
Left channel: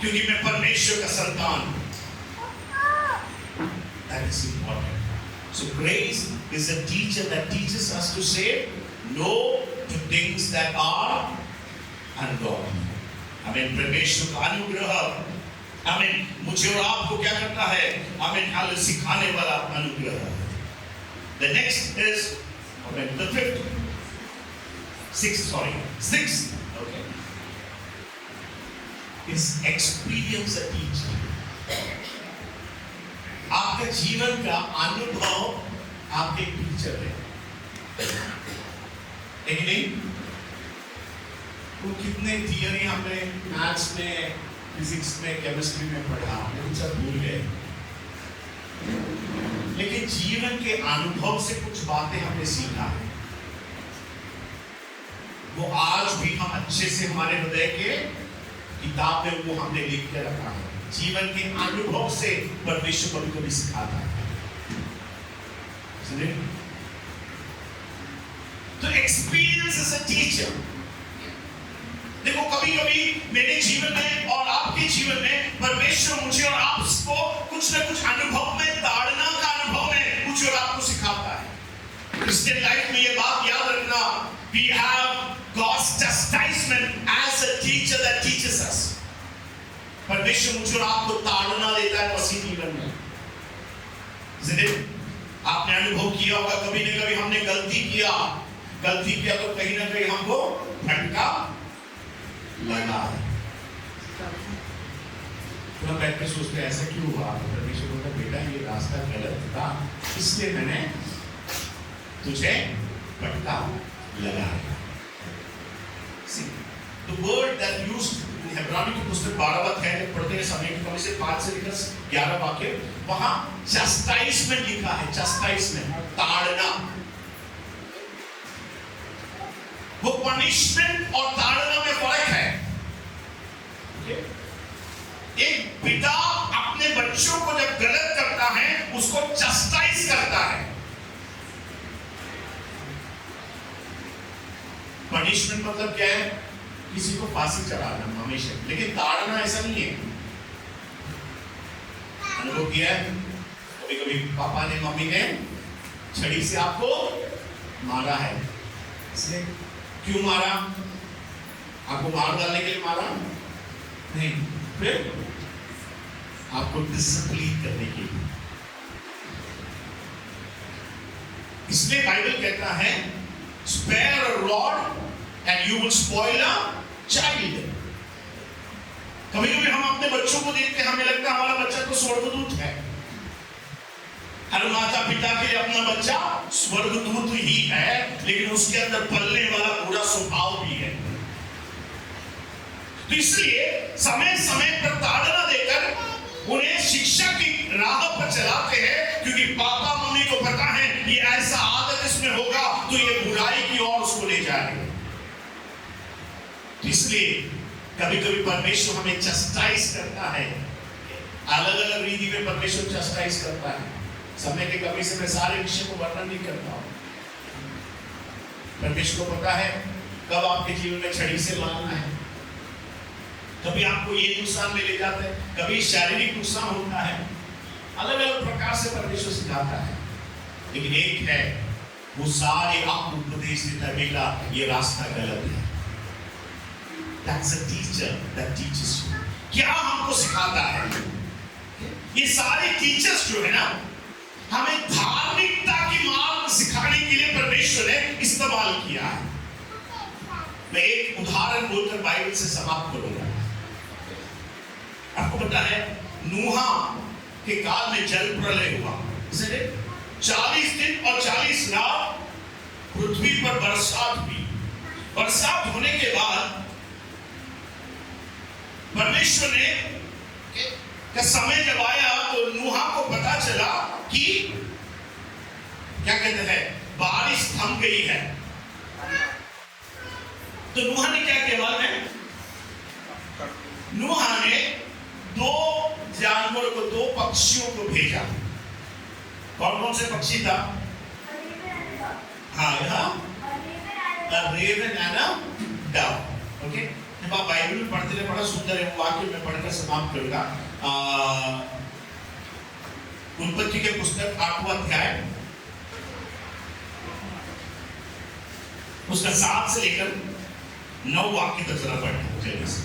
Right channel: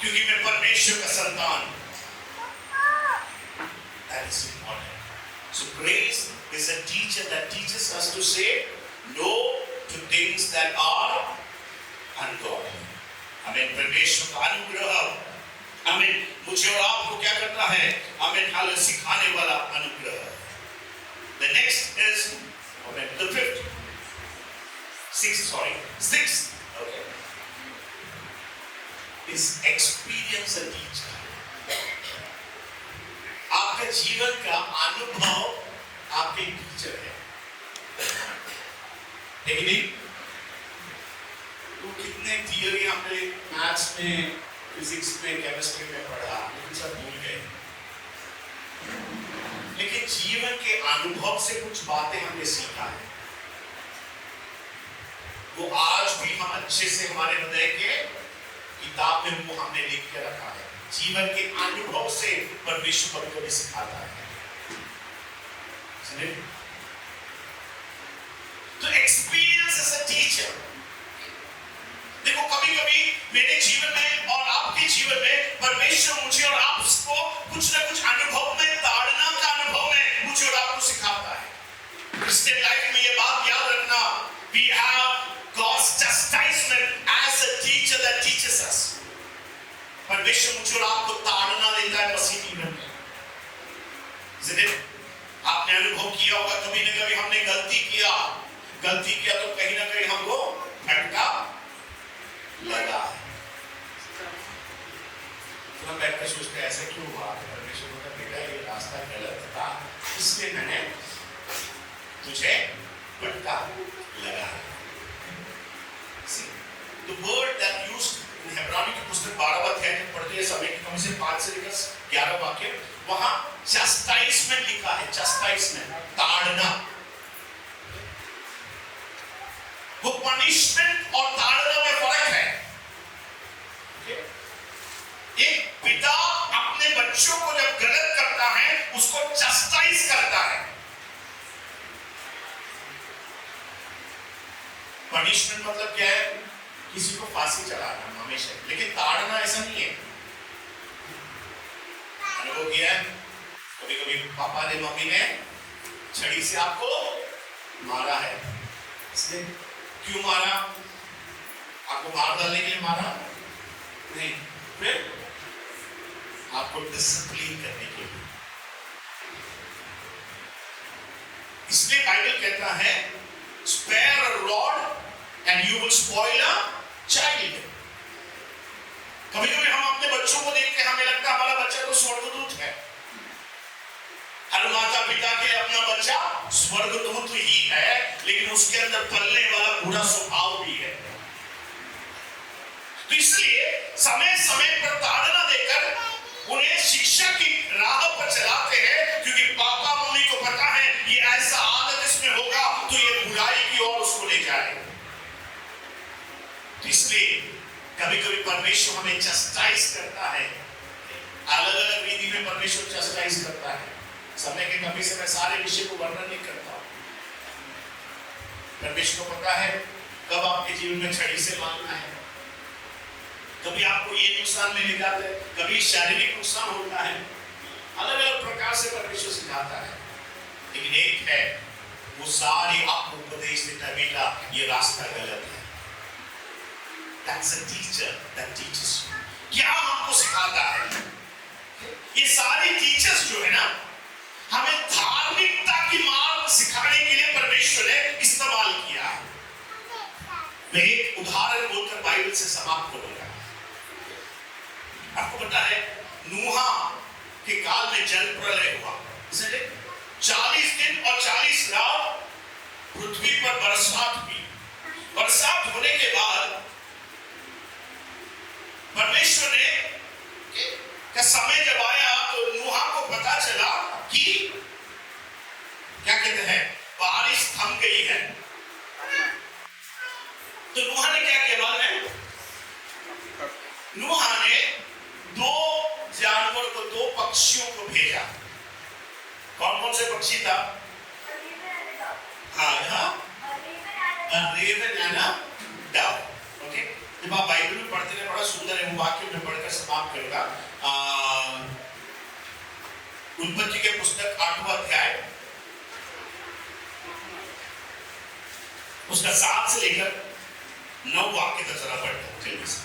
क्योंकि मैं परमेश्वर का संतान। That is important. So grace is a teacher that teaches us to say no to things that are ungodly. आमीन। परमेश्वर का अनुग्रह, आमीन, मुझे और आपको क्या करता है, आमीन, हाल सिखाने वाला अनुग्रह। The next is, आमीन, the sixth, okay, is experience a teacher. आपका जीवन का अनुभव आपके टीचर है, लेकिन नहीं वो कितने थियरी हमने मैथ्स में, फिजिक्स में, केमिस्ट्री में पढ़ा, लेकिन सब भूल गए। लेकिन जीवन के अनुभव से कुछ बातें हमने सीखा है, वो आज भी हम अच्छे से हमारे हृदय के किताब में वो हमने लिख के रखा है। जीवन के अनुभव से परमेश्वर कभी कभी सिखाता है। सुनिए, तो एक्सपीरियंस इज अ टीचर। देखो, कभी कभी मेरे जीवन में और आपके जीवन में परमेश्वर मुझे और आपको कुछ न कुछ अनुभव में, ताड़ना का अनुभव में मुझे और आपको सिखाता है। क्रिश्चियन लाइफ में ये बात याद रखना, we have God's chastisement as a teacher that teaches us. परमेश्वर मुझे और आपको ताड़ना देता है मसीह जीवन में। आपने अनुभव किया होगा कभी न कभी हमने गलती किया तो कहीं ना कहीं हमको फटका लगा है। तो हम बैठ कर सोचते हैं ऐसा क्यों हुआ। परमेश्वर बोलता बेटा ये रास्ता गलत था इसलिए मैंने तुझे फटका लगा है। The word that used हेब्रानी की पुस्तक 12वां अध्याय में पढ़ते हैं समय की कमी से 5 से लेकर 11 वाक्य, वहां चैस्टाइजमेंट लिखा है। चैस्टाइजमेंट, ताड़ना। वो पनिशमेंट और ताड़ना में फर्क है। एक पिता अपने बच्चों को जब गलत करता है उसको चैस्टाइज करता है। पनिशमेंट मतलब क्या है? किसी को फांसी चढ़ाना हमेशा, लेकिन ताड़ना ऐसा नहीं है। अनुभव किया है कभी कभी पापा ने मम्मी ने छड़ी से आपको मारा है, इसलिए क्यों मारा? आपको मार डालने के लिए मारा नहीं, फिर आपको डिसिप्लिन करने के लिए। इसलिए बाइबल कहता है spare a rod and you will spoil a child. कभी कभी हम अपने बच्चों को देख के हमें लगता है हमारा बच्चा तो स्वर्गदूत है। हर माता पिता के लिए अपना बच्चा स्वर्गदूत ही है, लेकिन उसके अंदर पलने वाला बुरा स्वभाव भी है। तो इसलिए समय समय पर ताड़ना देकर उन्हें शिक्षा की राह पर चलाते हैं, क्योंकि पापा मम्मी को पता है ये ऐसा आदत इसमें होगा तो ये बुराई की ओर उसको ले जाएगा। इसलिए कभी कभी परमेश्वर हमें चस्टाइज करता है, अलग अलग रीति में परमेश्वर चस्टाइज करता है। समय के कमी से मैं सारे विषय को वर्णन नहीं करता हूं। परमेश्वर को पता है कब आपके जीवन में छड़ी से मारना है। कभी आपको ये नुकसान में ले जाता है, कभी शारीरिक नुकसान होता है, अलग अलग प्रकार से परमेश्वर सिखाता है। लेकिन एक है वो सारे आपको उपदेश देता है, बेटा ये रास्ता गलत है। That's a teacher that teaches you. क्या हमको सिखाता है? ये सारे टीचर्स जो है ना, हमें धार्मिकता की मार्ग सिखाने के लिए परमेश्वर ने इस्तेमाल किया है। मैं एक उदाहरण बोलकर बाइबल से समाप्त करूंगा। आपको पता है नूहा के काल में जल प्रलय हुआ, 40 दिन और 40 रात पृथ्वी पर बरसात हुई। बरसात होने के बाद परमेश्वर ने का समय जब आया तो नूहा को पता चला कि क्या कहते हैं बारिश थम गई है। तो नूहा ने क्या किया मालूम है? नूहा ने 2 जानवर को, 2 पक्षियों को भेजा। कौन कौन से पक्षी था? हाँ, raven and a dove. Okay, जब आप बाइबल में पढ़ते रहे, बड़ा सुंदर है वो वाक्य, मैं पढ़कर समाप्त करूंगा। उत्पत्ति के पुस्तक 8वां अध्याय उसका 7 से लेकर 9 वाक्य तक जरा पढ़ते हैं जल्दी से।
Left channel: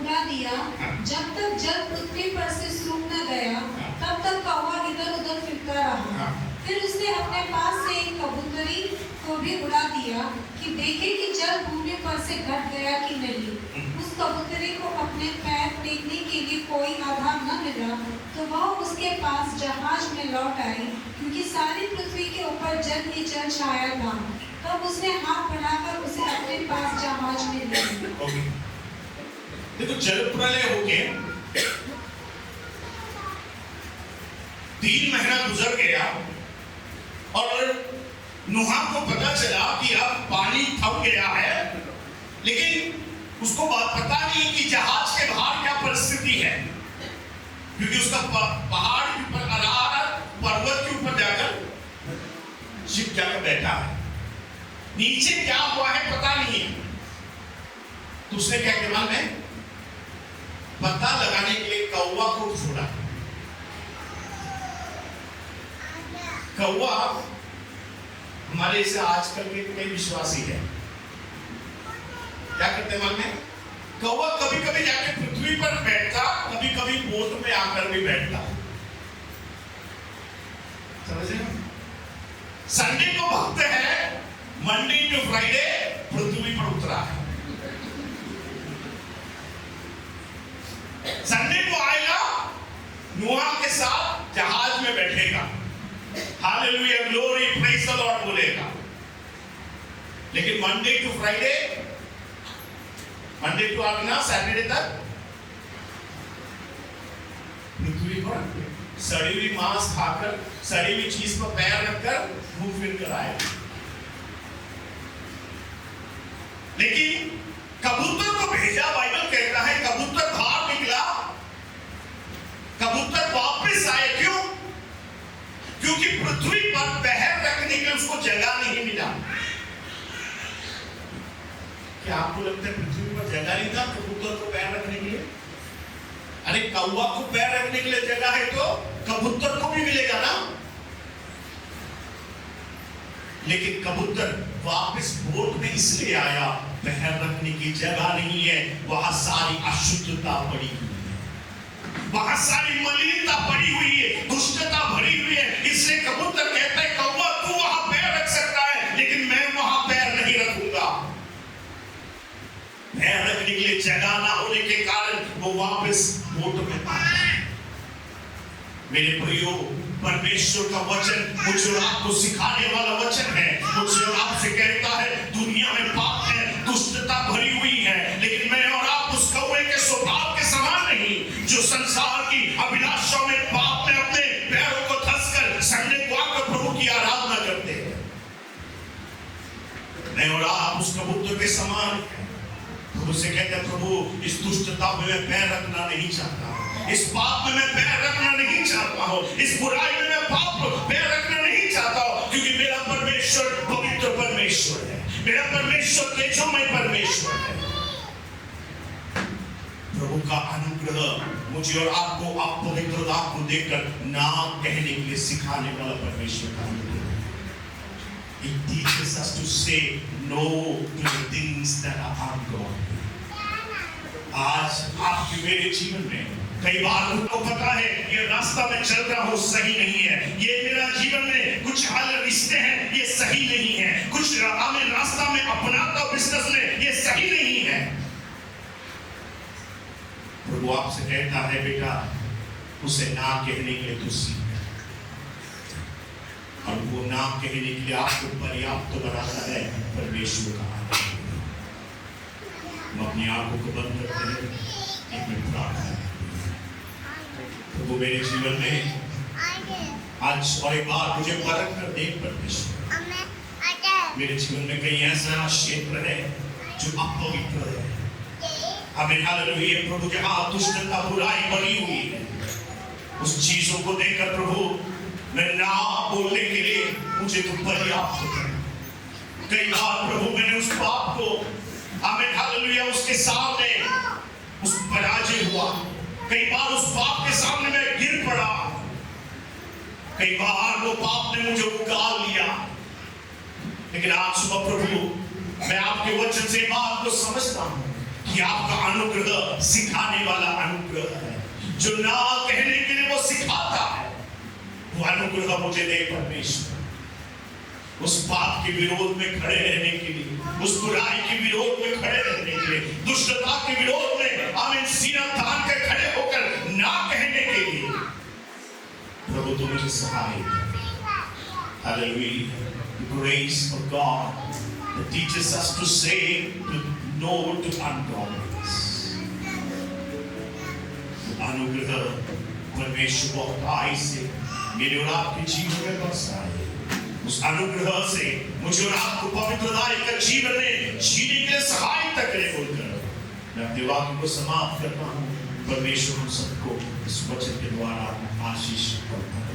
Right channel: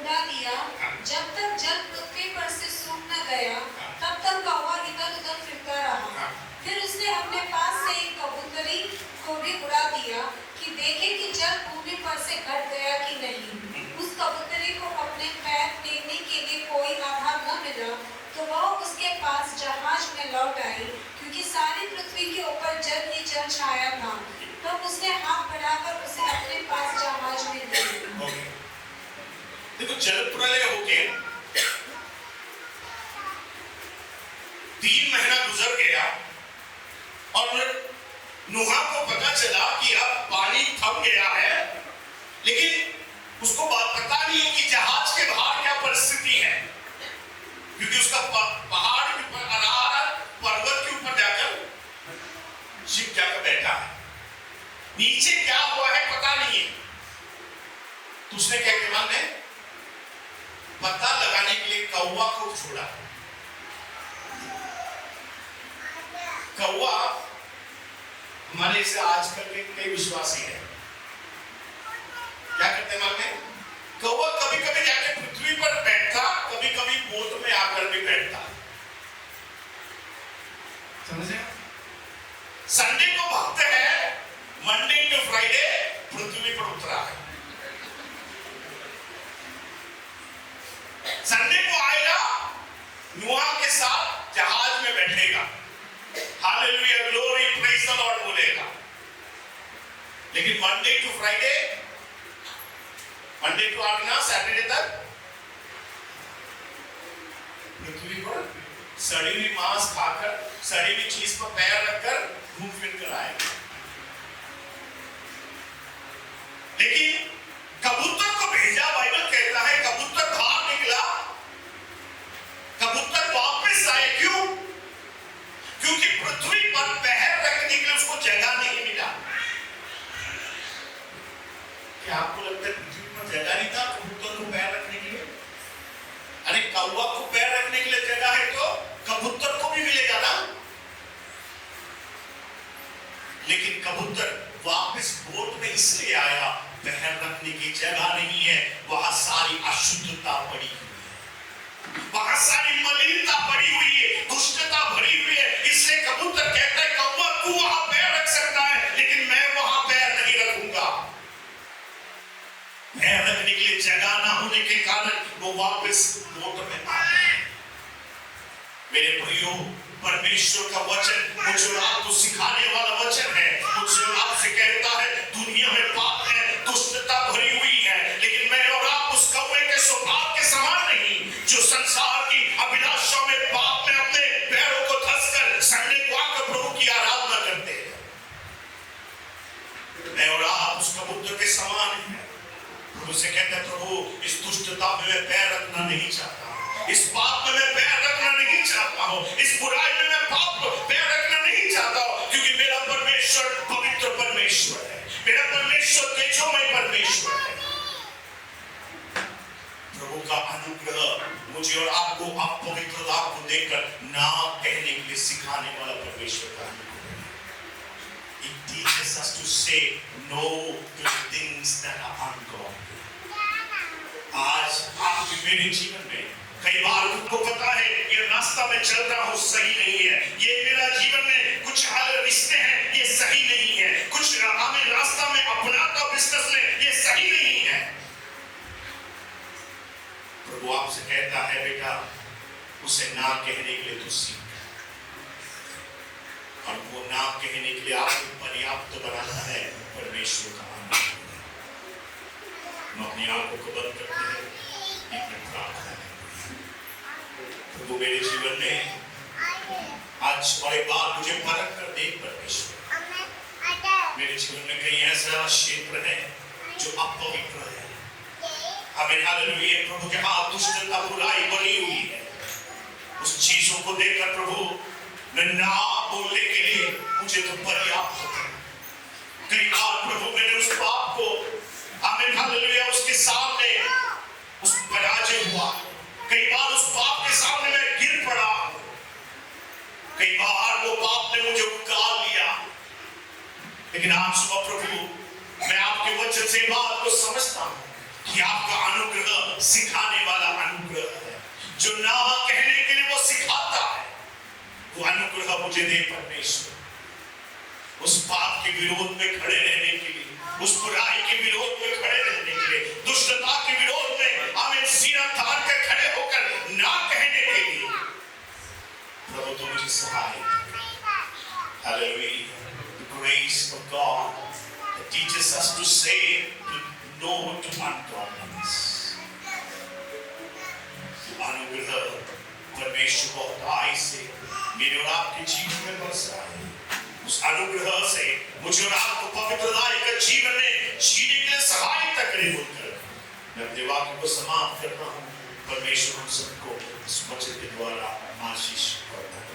उड़ा दिया, जब तक जल पृथ्वी पर से सूख न गया, तब तक कौवा इधर उधर फिरता रहा। फिर उसने अपने पास से एक कबूतरी को भी उड़ा दिया कि देखे कि जल भूमि पर से घट गया कि नहीं। उस कबूतरी को अपने पैर फेंकने के लिए कोई आधार न मिला, तो वह उसके पास जहाज में लौट आई, क्योंकि सारी पृथ्वी के ऊपर जल ही जल छाया था। तब उसने हाथ बढ़ाकर उसे अपने पास जहाज में ले लिया। देखो, जल प्रलय होके 3 महीना गुजर गया और नूहा को पता चला कि अब पानी थम गया है, लेकिन उसको पता नहीं है कि जहाज के बाहर क्या परिस्थिति है, क्योंकि उसका पहाड़ के ऊपर, अरारात पर्वत के ऊपर जाकर शिप जाकर बैठा है, नीचे क्या हुआ है पता नहीं है। तो उसने क्या किया मालूम है? पता लगाने के लिए कौवा को छोड़ा। कौवा हमारे से आजकल के कई विश्वासी है, क्या करते मन में? कौवा कभी कभी जाके पृथ्वी पर बैठता, कभी कभी बोट में आकर भी बैठता। समझे? संडे को भक्त है, मंडे टू फ्राइडे पृथ्वी पर उतरा है। संडे को आएगा, नूह के साथ जहाज में बैठेगा, hallelujah, glory, praise the lord बोलेगा। लेकिन Monday to Friday, Monday to आना सैटरडे तक पृथ्वी पर सड़ी हुई मांस खाकर, सड़ी हुई चीज पर पैर रखकर घूम फिर कर आएगा। लेकिन कबूतर को भेजा, बाइबल कहता है कबूतर बाहर निकला, कबूतर वापस आए। क्यों? क्योंकि पृथ्वी पर पैर रखने के लिए उसको जगह नहीं मिला। क्या आपको लगता है पृथ्वी पर जगह नहीं था कबूतर को पैर रखने के लिए? अरे कौवा को पैर रखने के लिए जगह है तो कबूतर को भी मिलेगा ना। लेकिन कबूतर वापस बोट में इसलिए आया, पैर रखने की जगह नहीं है, वहां सारी अशुद्धता पड़ी हुई है, वहां सारी मलिनता पड़ी हुई है, दुष्टता भरी हुई है। इसलिए कबूतर कहता है कौवा तू वहां पैर रख सकता है, लेकिन मैं वहां पैर नहीं रखूंगा। पैर रखने के लिए जगह ना होने के कारण वो वापस बोट में आया है। मेरे प्रियो, परमेश्वर का वचन मुझे और आपको सिखाने वाला वचन है। मुझे और आपसे कहता है दुनिया में पाप है, दुष्टता भरी हुई है, लेकिन मैं और आप उस कौवे के स्वभाव के समान नहीं, जो संसार की अभिलाषाओं में, पाप में अपने पैरों को धंसकर संडे को आकर प्रभु की आराधना करते हैं। मैं और आप उस कबूतर के समान हैं। प्रभु से कहते हैं प्रभु इस दुष्टता में मैं पैर रखना नहीं चाहता, इस पाप में मैं पैर रखना नहीं चाहता हूं, इस बुराई में मैं पाप पैर रखना नहीं चाहता हूं, क्योंकि मेरा परमेश्वर पवित्र परमेश्वर है, मेरा परमेश्वर तेजोमय परमेश्वर है। प्रभु का अनुग्रह मुझे और आपको अपवित्रता को देखकर ना कहने के लिए सिखाने वाला परमेश्वर का अनुग्रह है। It teaches us to say no to the things that are ungodly. आज आपके मेरे जीवन में कई बार आपको पता है ये रास्ता में चल रहा हूं सही नहीं है, ये मेरा जीवन में कुछ हाल रिश्ते हैं ये सही नहीं है, कुछ मैं रास्ता में अपनाता हूं बिजनेस में ये सही नहीं है। प्रभु आपसे कहता है बेटा उसे ना कहने के लिए तू सीख, और वो ना कहने के लिए आपको पर्याप्त बनाना है परमेश्वर का आनंद। हम अपनी आंखों को बंद करते हैं, एक मिनट प्रार्थना है। प्रभु मेरे जीवन में आज और एक बार मुझे परख कर देख परमेश्वर, मेरे जीवन में कहीं ऐसा क्षेत्र है जो अपवित्र है, हमें हालेलुया प्रभु के हाथ दुष्टता बुराई बनी हुई है, उस चीजों को देखकर प्रभु मैं ना बोलने के लिए मुझे तो पर्याप्त है। कई बार प्रभु मैंने उस पाप को आमीन हालेलुया उसके सामने उस पराजय हुआ, कई बार उस पाप के सामने मैं गिर पड़ा, कई बार वो पाप ने मुझे उगाल लिया। लेकिन आज सुबह प्रभु मैं आपके वचन से बात को समझता हूं कि आपका अनुग्रह सिखाने वाला अनुग्रह है, जो ना कहने के लिए वो सिखाता है। वो अनुग्रह मुझे दे परमेश्वर, उस पाप के विरोध में खड़े रहने के लिए, उस बुराई के विरोध में खड़े रहने के लिए, दुष्टता के विरोध में आमीन सीना तान कर खड़े होकर ना कहने के लिए प्रभु तो मुझे सहाय करें। Hallelujah. The grace of God that teaches us to say no to ungodliness. अनुग्रह परमेश्वर बहुताई से मेरे और आपके जीवन में बरसा है। उस अनुग्रह से मुझे और आपको पवित्रता का जीवन में जीने के लिए सहायता करे बोलकर मैं अपने वाक्य को समाप्त करता हूँ। परमेश्वर हम सबको इस वचन के द्वारा आशीष करता है।